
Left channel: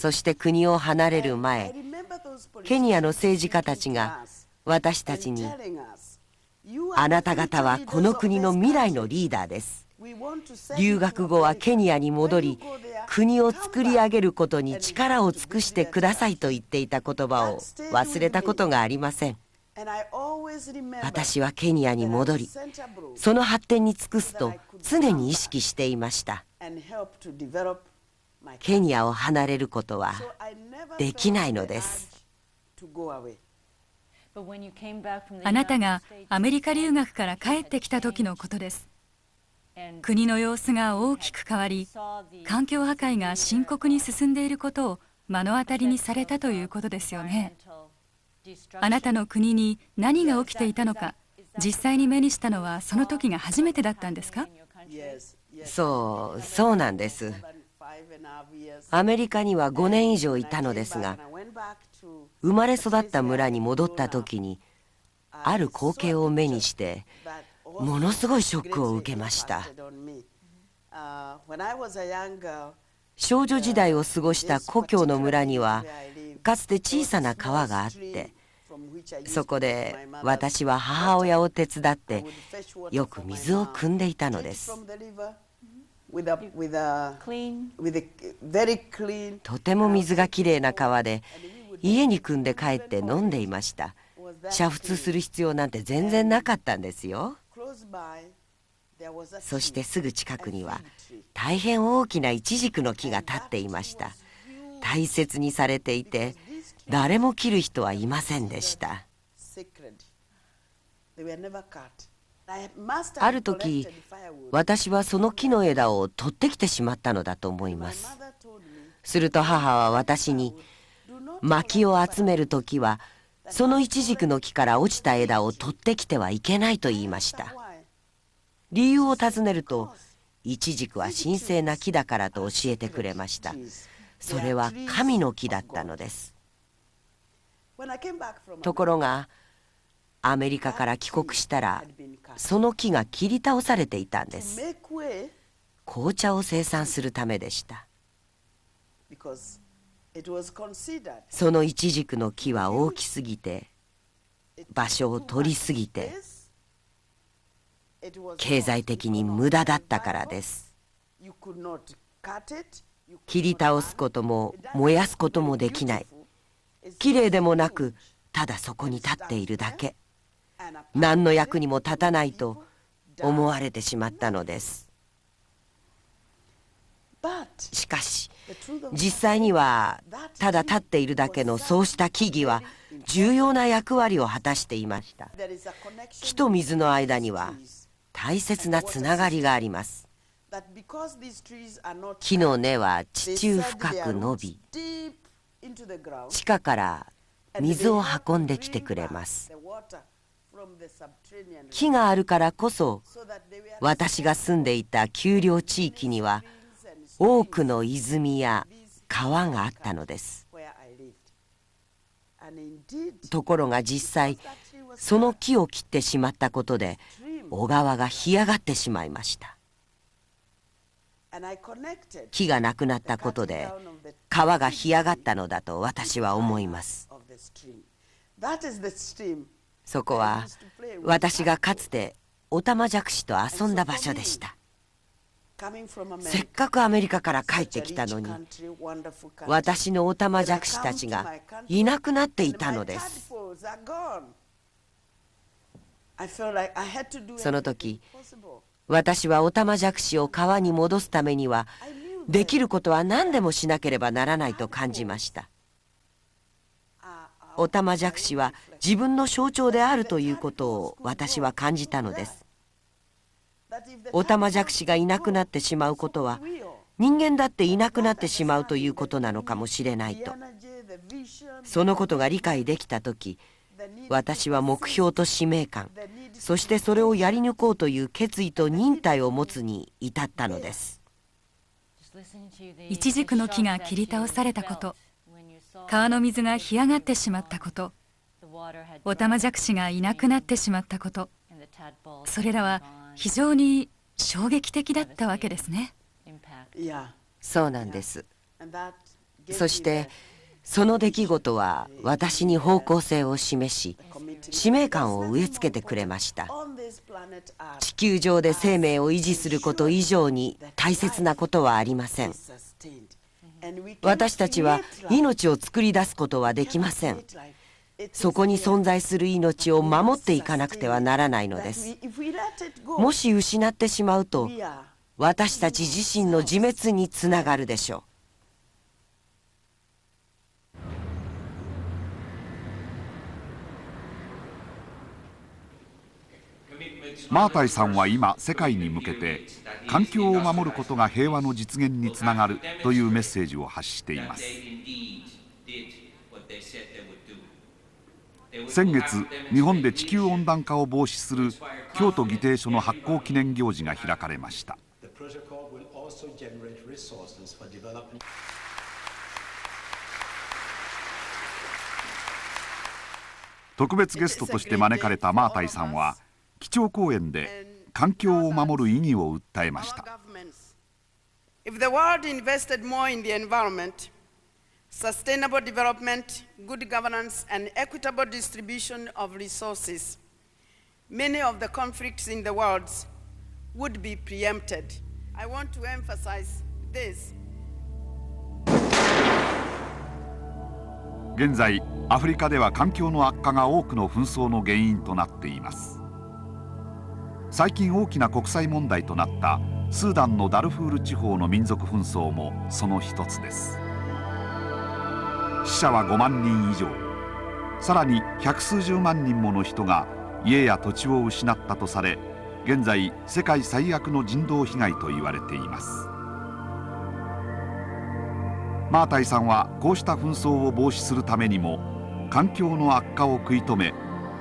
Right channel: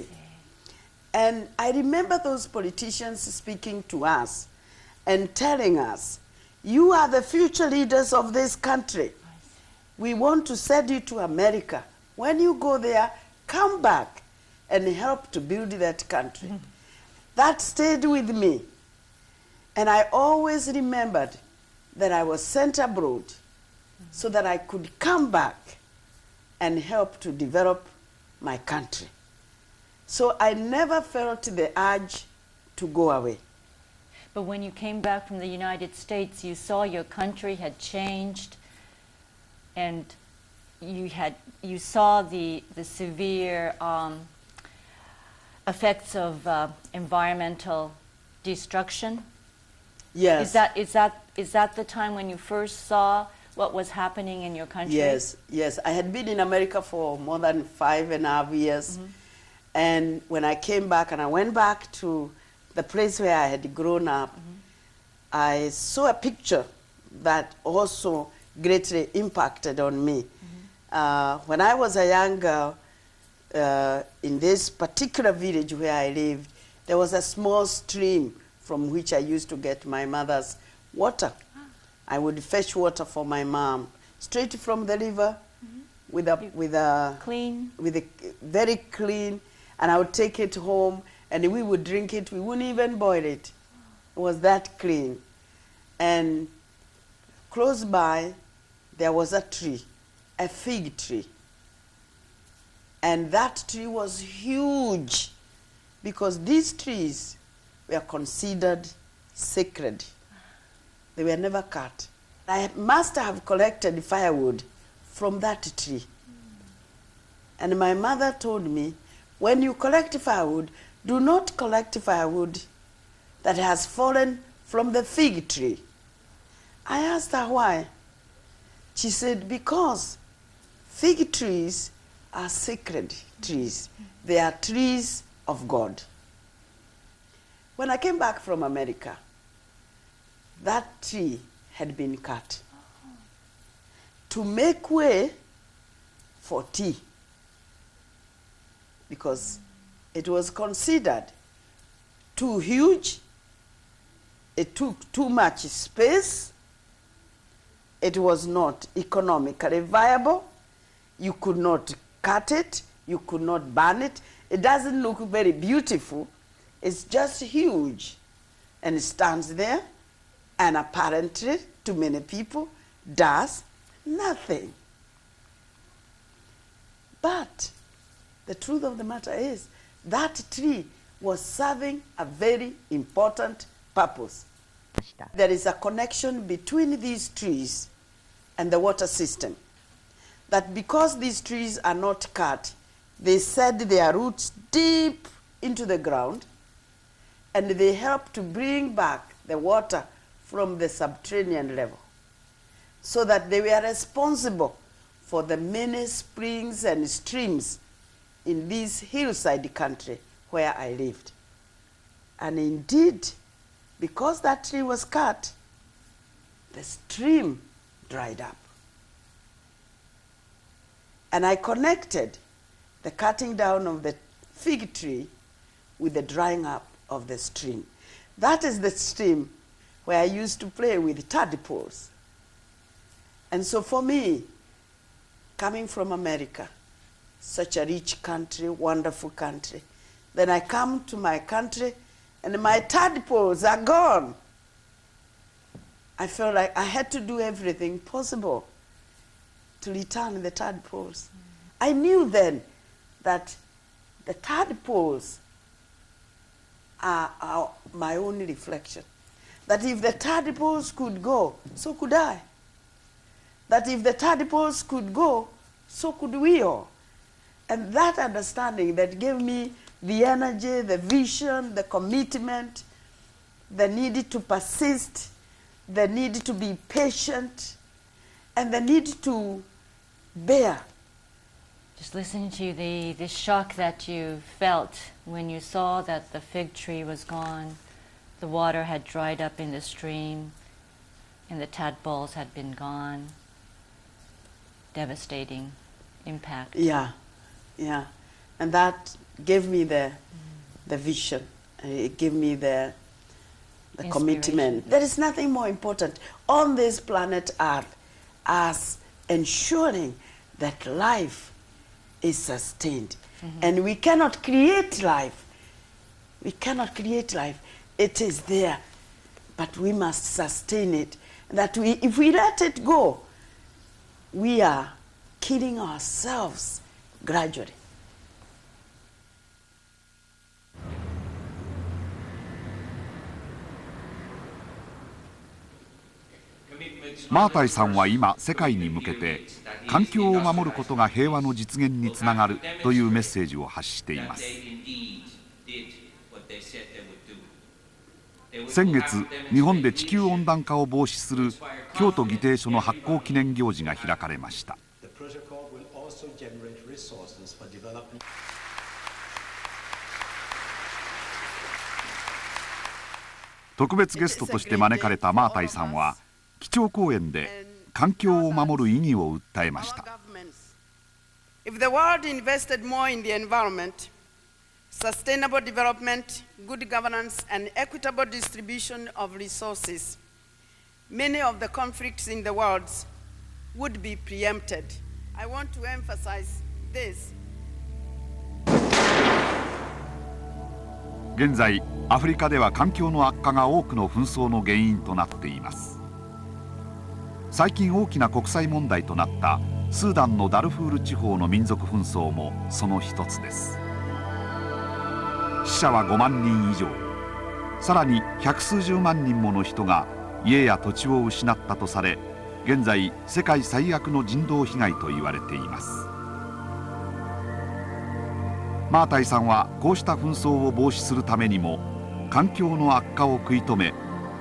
そして国を離れる前、ケニアの政治家たちが私たちに、あなた方はこの国の未来のリーダーです。留学後はケニアに戻り、国を作り上げることに力を尽くしてくださいと言っていた言葉を忘れたことがありません。私はケニアに戻り、その発展に尽くすと常に意識していました。ケニアを離れることはできないのです。あなたがアメリカ留学から帰ってきた時のことです。国の様子が大きく変わり、環境破壊が深刻に進んでいることを目の当たりにされたということですよね。あなたの国に何が起きていたのか、実際に目にしたのはその時が初めてだったんですか？そうなんです。アメリカには5年以上いたのですが、生まれ育った村に戻った時にある光景を目にしてものすごいショックを受けました。少女時代を過ごした故郷の村にはかつて小さな川があって、そこで私は母親を手伝ってよく水を汲んでいたのです。とても水がきれいな川で家に汲んで帰って飲んでいました。煮沸する必要なんて全然なかったんですよ。そしてすぐ近くには大変大きなイチジクの木が立っていました。大切にされていて誰も切る人はいませんでした。ある時私はその木の枝を取ってきてしまったのだと思います。すると母は私に、薪を集める時はそのイチジクの木から落ちた枝を取ってきてはいけないと言いました。理由を尋ねると、イチジクは神聖な木だからと教えてくれました。それは神の木だったのです。ところがアメリカから帰国したらその木が切り倒されていたんです。紅茶を生産するためでした。そのイチジクの木は大きすぎて、場所を取りすぎて、経済的に無駄だったからです。切り倒すことも燃やすこともできない。きれいでもなく、ただそこに立っているだけ。何の役にも立たないと思われてしまったのです。しかし実際にはただ立っているだけのそうした木々は重要な役割を果たしていました。木と水の間には大切なつながりがあります。木の根は地中深く伸び、地下から水を運んできてくれます。木があるからこそ私が住んでいた丘陵地域には多くの泉や川があったのです。ところが実際その木を切ってしまったことで小川が干上がってしまいました。木がなくなったことで川が干上がったのだと私は思います。そこは私がかつてオタマジャクシと遊んだ場所でした。せっかくアメリカから帰ってきたのに私のオタマジャクシたちがいなくなっていたのです。その時私はオタマジャクシを川に戻すためにはできることは何でもしなければならないと感じました。オタマジャクシは自分の象徴であるということを私は感じたのです。オタマジャクシがいなくなってしまうことは人間だっていなくなってしまうということなのかもしれないと。そのことが理解できたとき私は目標と使命感、そしてそれをやり抜こうという決意と忍耐を持つに至ったのです。イチジクの木が切り倒されたこと、川の水が干上がってしまったこと、オタマジャクシがいなくなってしまったこと、それらは非常に衝撃的だったわけですね。そうなんです。そしてその出来事は私に方向性を示し、使命感を植え付けてくれました。地球上で生命を維持すること以上に大切なことはありません。私たちは命を作り出すことはできません。そこに存在する命を守っていかなくてはならないのです。もし失ってしまうと私たち自身の自滅につながるでしょう。マータイさんは今世界に向けて環境を守ることが平和の実現につながるというメッセージを発しています。先月日本で地球温暖化を防止する京都議定書の発行記念行事が開かれました。特別ゲストとして招かれたマータイさんは基調講演で環境を守る意義を訴えました。If the world invested more in the environment, sustainable development, good governance, and equitable distribution of resources, many of the conflicts in the world would be preempted. I want to emphasize this. 現在アフリカでは環境の悪化が多くの紛争の原因となっています。最近大きな国際問題となったスーダンのダルフール地方の民族紛争もその一つです。死者は5万人以上、さらに百数十万人もの人が家や土地を失ったとされ、現在世界最悪の人道被害と言われています。マータイさんはこうした紛争を防止するためにも環境の悪化を食い止め、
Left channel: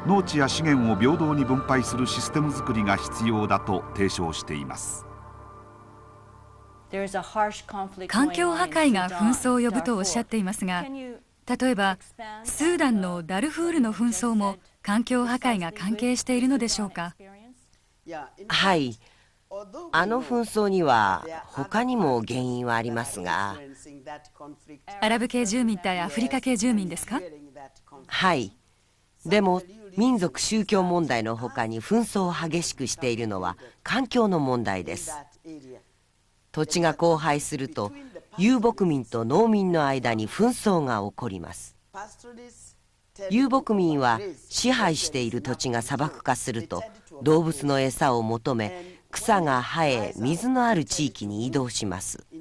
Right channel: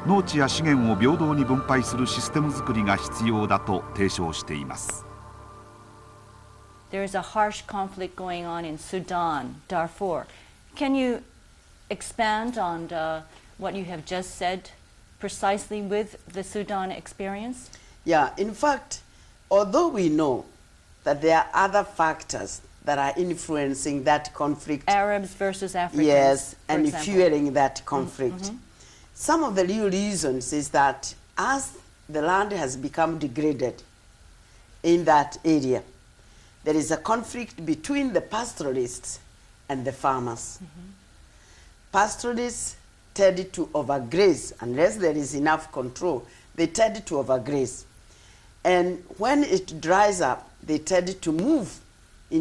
農地や資源を平等に分配するシステム作りが必要だと提唱しています。環境破壊が紛争を呼ぶとおっしゃっていますが、例えばスーダンのダルフールの紛争も環境破壊が関係しているのでしょうか。はい、あの紛争には他にも原因はありますが、アラブ系住民対アフリカ系住民ですか。はい、でも民族宗教問題のほかに紛争を激しくしているのは環境の問題です。土地が荒廃すると遊牧民と農民の間に紛争が起こります。遊牧民は支配している土地が砂漠化すると動物の餌を求め草が生え水のある地域に移動します。で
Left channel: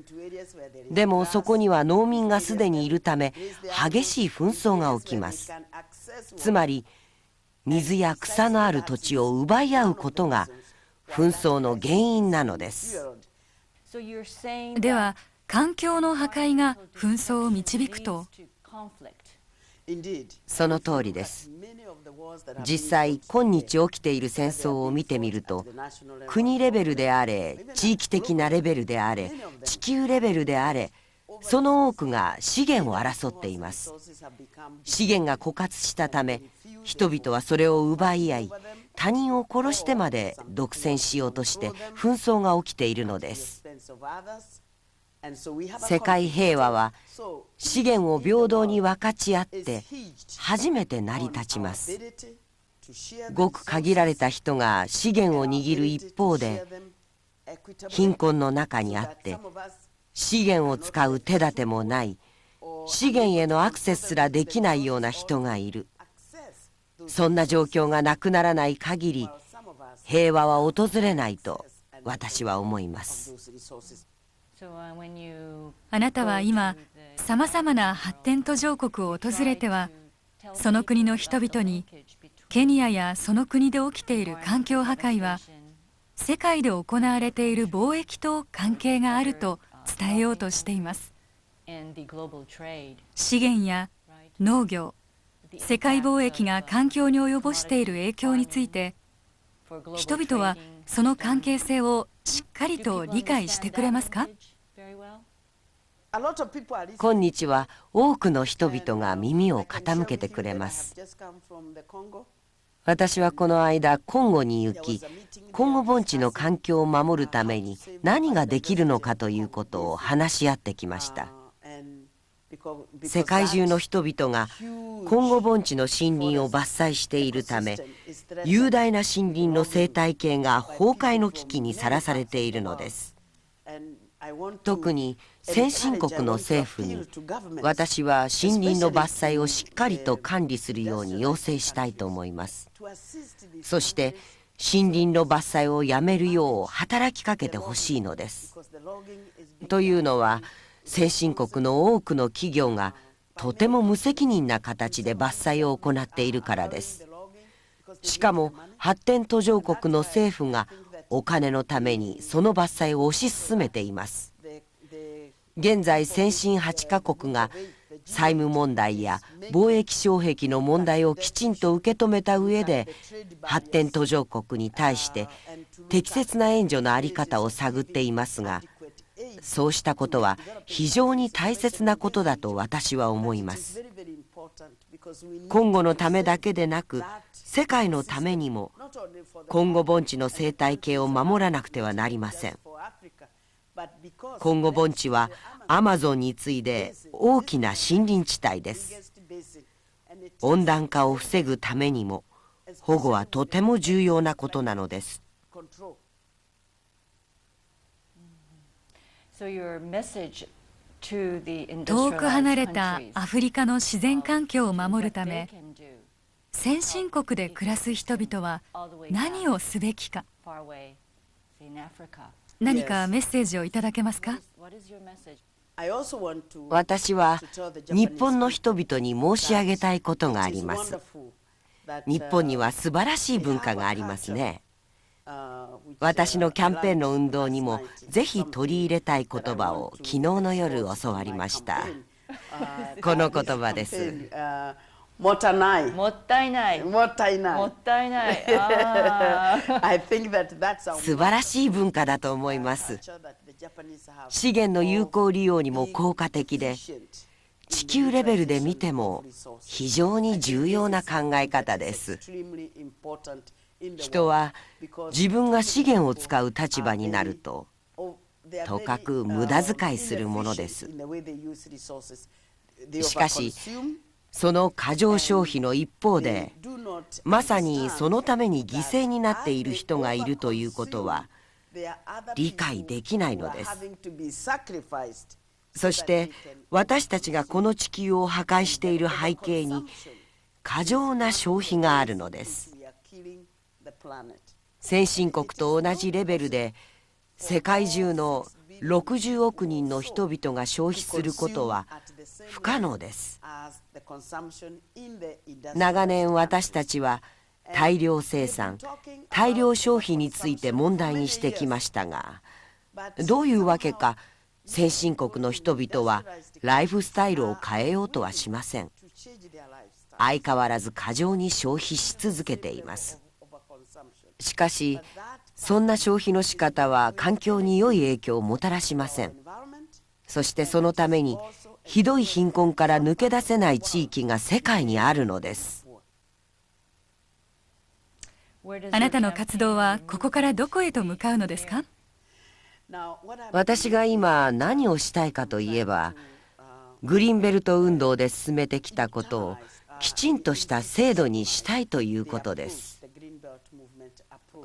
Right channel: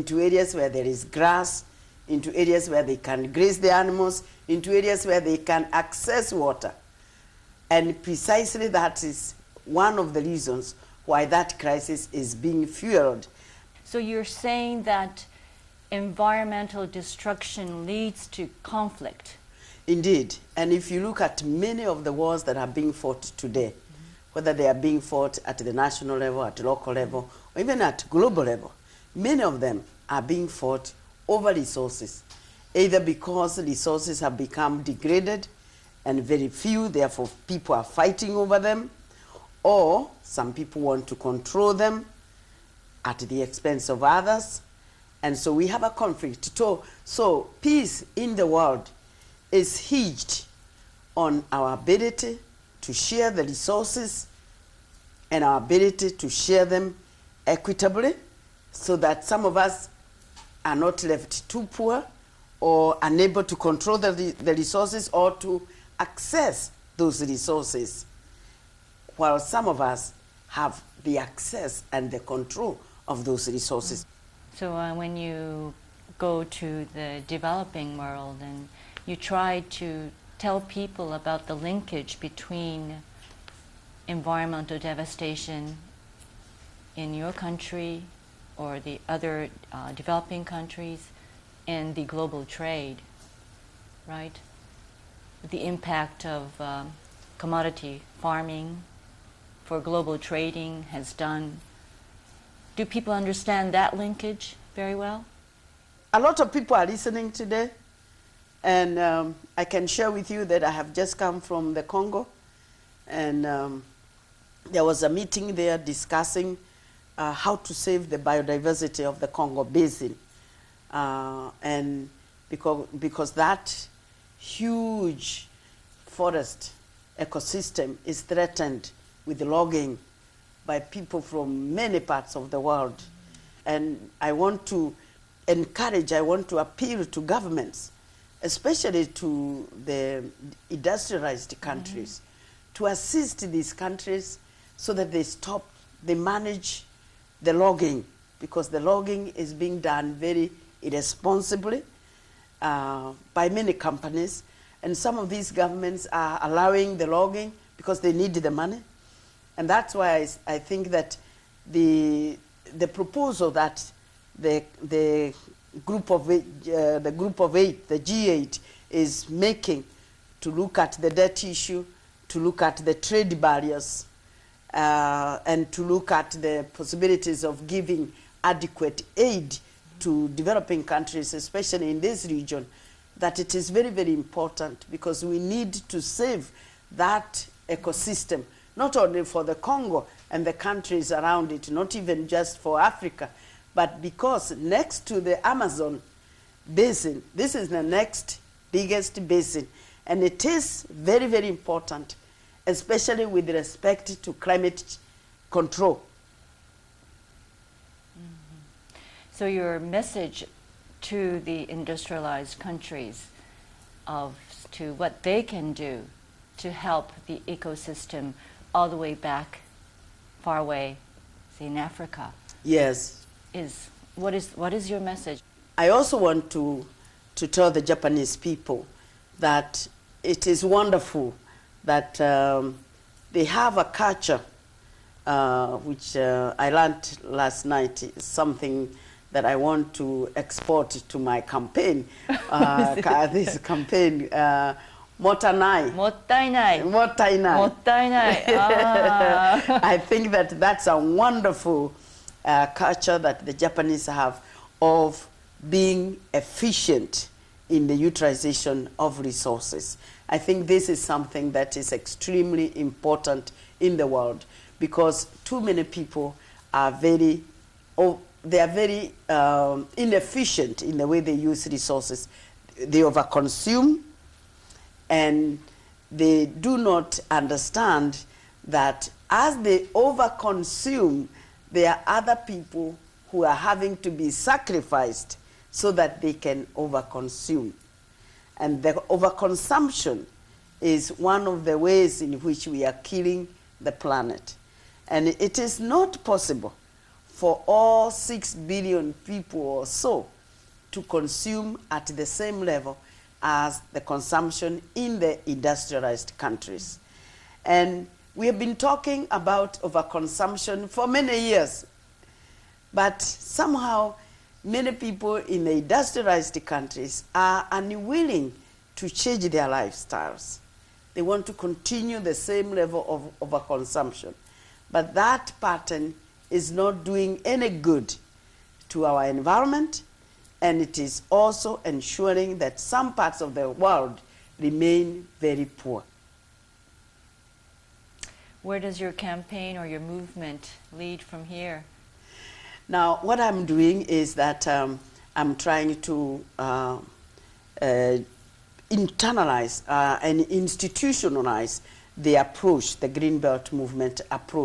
もそこには農民がすでにいるため激しい紛争が起きます。つまり水や草のある土地を奪い合うことが紛争の原因なのです。では環境の破壊が紛争を導くと。その通りです。実際今日起きている戦争を見てみると国レベルであれ地域的なレベルであれ地球レベルであれその多くが資源を争っています。資源が枯渇したため人々はそれを奪い合い他人を殺してまで独占しようとして紛争が起きているのです。世界平和は資源を平等に分かち合って初めて成り立ちます。ごく限られた人が資源を握る一方で貧困の中にあって資源を使う手立てもない資源へのアクセスすらできないような人がいる。そんな状況がなくならない限り平和は訪れないと私は思います。あなたは今さまざまな発展途上国を訪れてはその国の人々にケニアやその国で起きている環境破壊は世界で行われている貿易と関係があると伝えようとしています。資源や農業、世界貿易が環境に及ぼしている影響について人々はその関係性をしっかりと理解してくれますか？今日は多くの人々が耳を傾けてくれます。私はこの間コンゴに行き、コンゴ盆地の環境を守るために何ができるのかということを話し合ってきました。世界中の人々がコンゴ盆地の森林を伐採しているため雄大な森林の生態系が崩壊の危機にさらされているのです。特に先進国の政府に私は森林の伐採をしっかりと管理するように要請したいと思います。そして森林の伐採をやめるよう働きかけてほしいのです。というのは先進国の多くの企業がとても無責任な形で伐採を行っているからです。しかも発展途上国の政府がお金のためにその伐採を推し進めています。現在先進8カ国が債務問題や貿易障壁の問題をきちんと受け止めた上で発展途上国に対して適切な援助の在り方を探っていますが、そうしたことは非常に大切なことだと私は思います。今後のためだけでなく世界のためにもコンゴ盆地の生態系を守らなくてはなりません。コンゴ盆地はアマゾンに次いで大きな森林地帯です。温暖化を防ぐためにも保護はとても重要なことなのです。遠く離れたアフリカの自然環境を守るため先進国で暮らす人々は何をすべきか。何かメッセージをいただけますか？私は日本の人々に申し上げたいことがあります。日本には素晴らしい文化がありますね。私のキャンペーンの運動にもぜひ取り入れたい言葉を昨日の夜教わりました。この言葉です。もったいない。もったいない。もったいない。もったいない。I think that that's a wonderful culture. 資源の有効利用にも効果的で、地球レベルで見ても非常に重要な考え方です。人は自分が資源を使う立場になると、とかく無駄遣いするものです。しかしその過剰消費の一方でまさにそのために犠牲になっている人がいるということは理解できないのです。そして私たちがこの地球を破壊している背景に過剰な消費があるのです。先進国と同じレベルで世界中の60億人の人々が消費することは不可能です。長年私たちは大量生産、大量消費について問題にしてきましたが、どういうわけか先進国の人々はライフスタイルを変えようとはしません。相変わらず過剰に消費し続けています。しかしそんな消費の仕方は環境に良い影響をもたらしません。そしてそのためにひどい貧困から抜け出せない地域が世界にあるのです。あなたの活動はここからどこへと向かうのですか？私が今何をしたいかといえば、グリーンベルト運動で進めてきたことをきちんとした制度にしたいということです。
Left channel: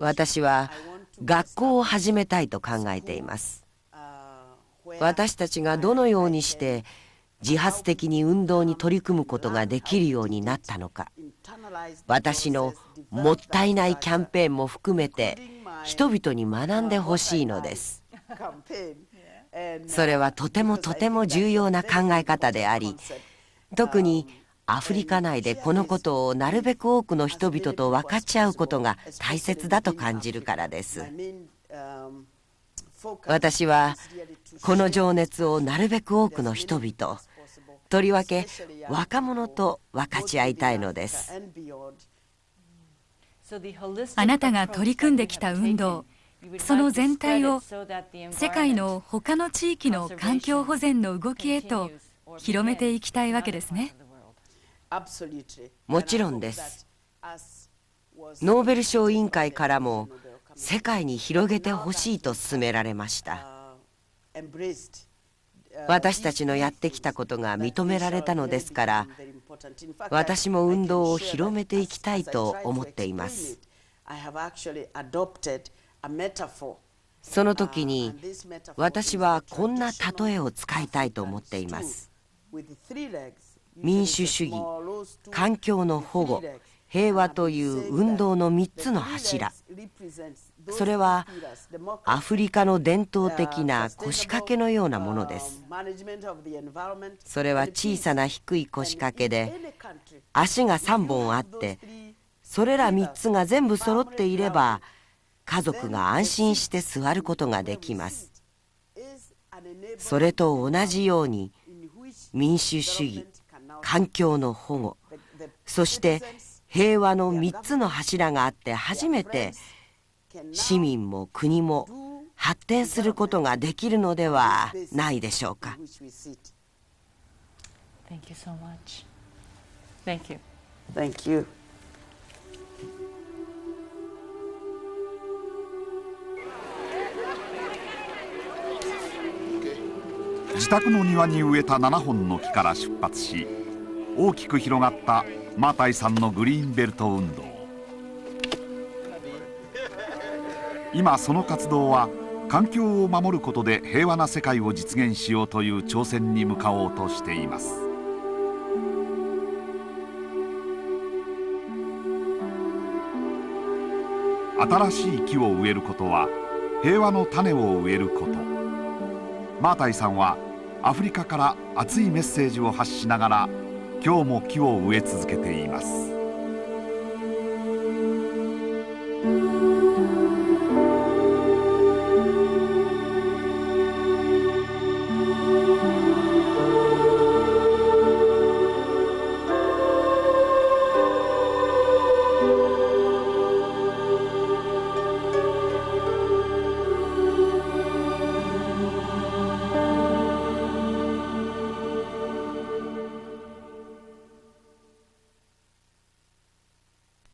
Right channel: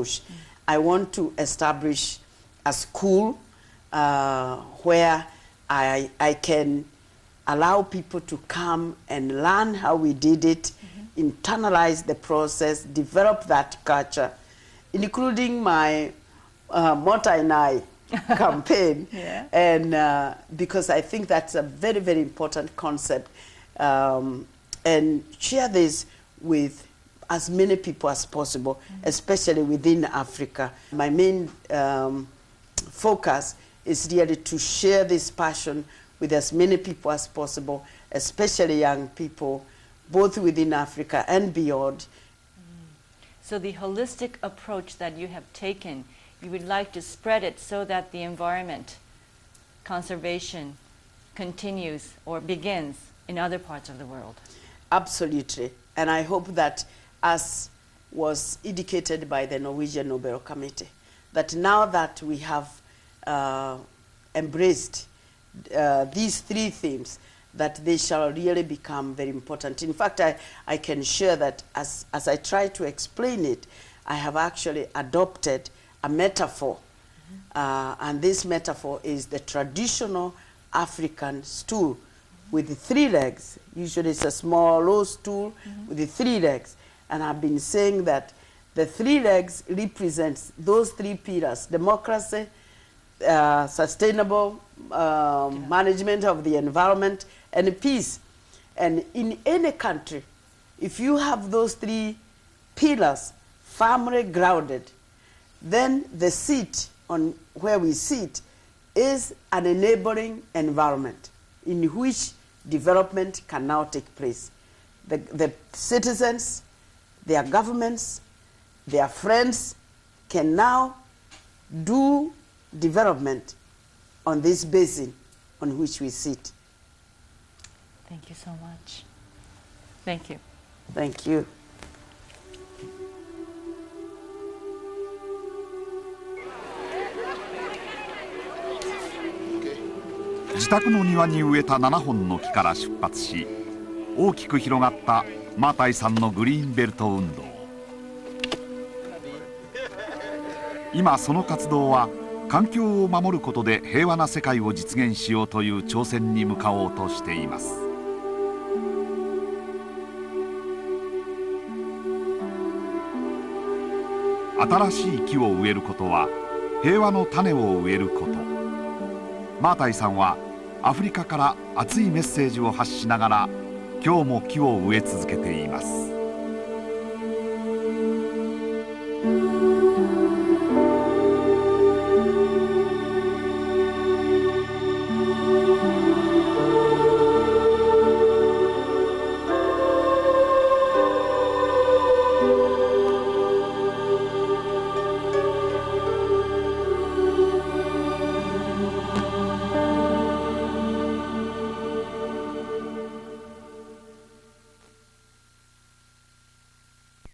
私は学校を始めたいと考えています。私たちがどのようにして自発的に運動に取り組むことができるようになったのか、私のもったいないキャンペーンも含めて人々に学んでほしいのです。それはとてもとても重要な考え方であり、特にアフリカ内でこのことをなるべく多くの人々と分かち合うことが大切だと感じるからです。私はこの情熱をなるべく多くの人々、とりわけ若者と分かち合いたいのです。あなたが取り組んできた運動、その全体を世界の他の地域の環境保全の動きへと広めていきたいわけですね。もちろんです。ノーベル賞委員会からも世界に広げてほしいと勧められました。私たちのやってきたことが認められたのですから、私も運動を広めていきたいと思っています。その時に私はこんな例えを使いたいと思っています。民主主義、環境の保護、平和という運動の3つの柱。それはアフリカの伝統的な腰掛けのようなものです。それは小さな低い腰掛けで足が3本あって、それら3つが全部揃っていれば家族が安心して座ることができます。それと同じように民主主義、環境の保護、そして平和の3つの柱があって初めて市民も国も発展することができるのではないでしょうか。Thank you so much. Thank you. Thank you. 自宅の庭に植えた7本の木から出発し、大きく広がったマータイさんのグリーンベルト運動。今その活動は環境を守ることで平和な世界を実現しようという挑戦に向かおうとしています。新しい木を植えることは平和の種を植えること。マータイさんはアフリカから熱いメッセージを発しながら今日も木を植え続けています。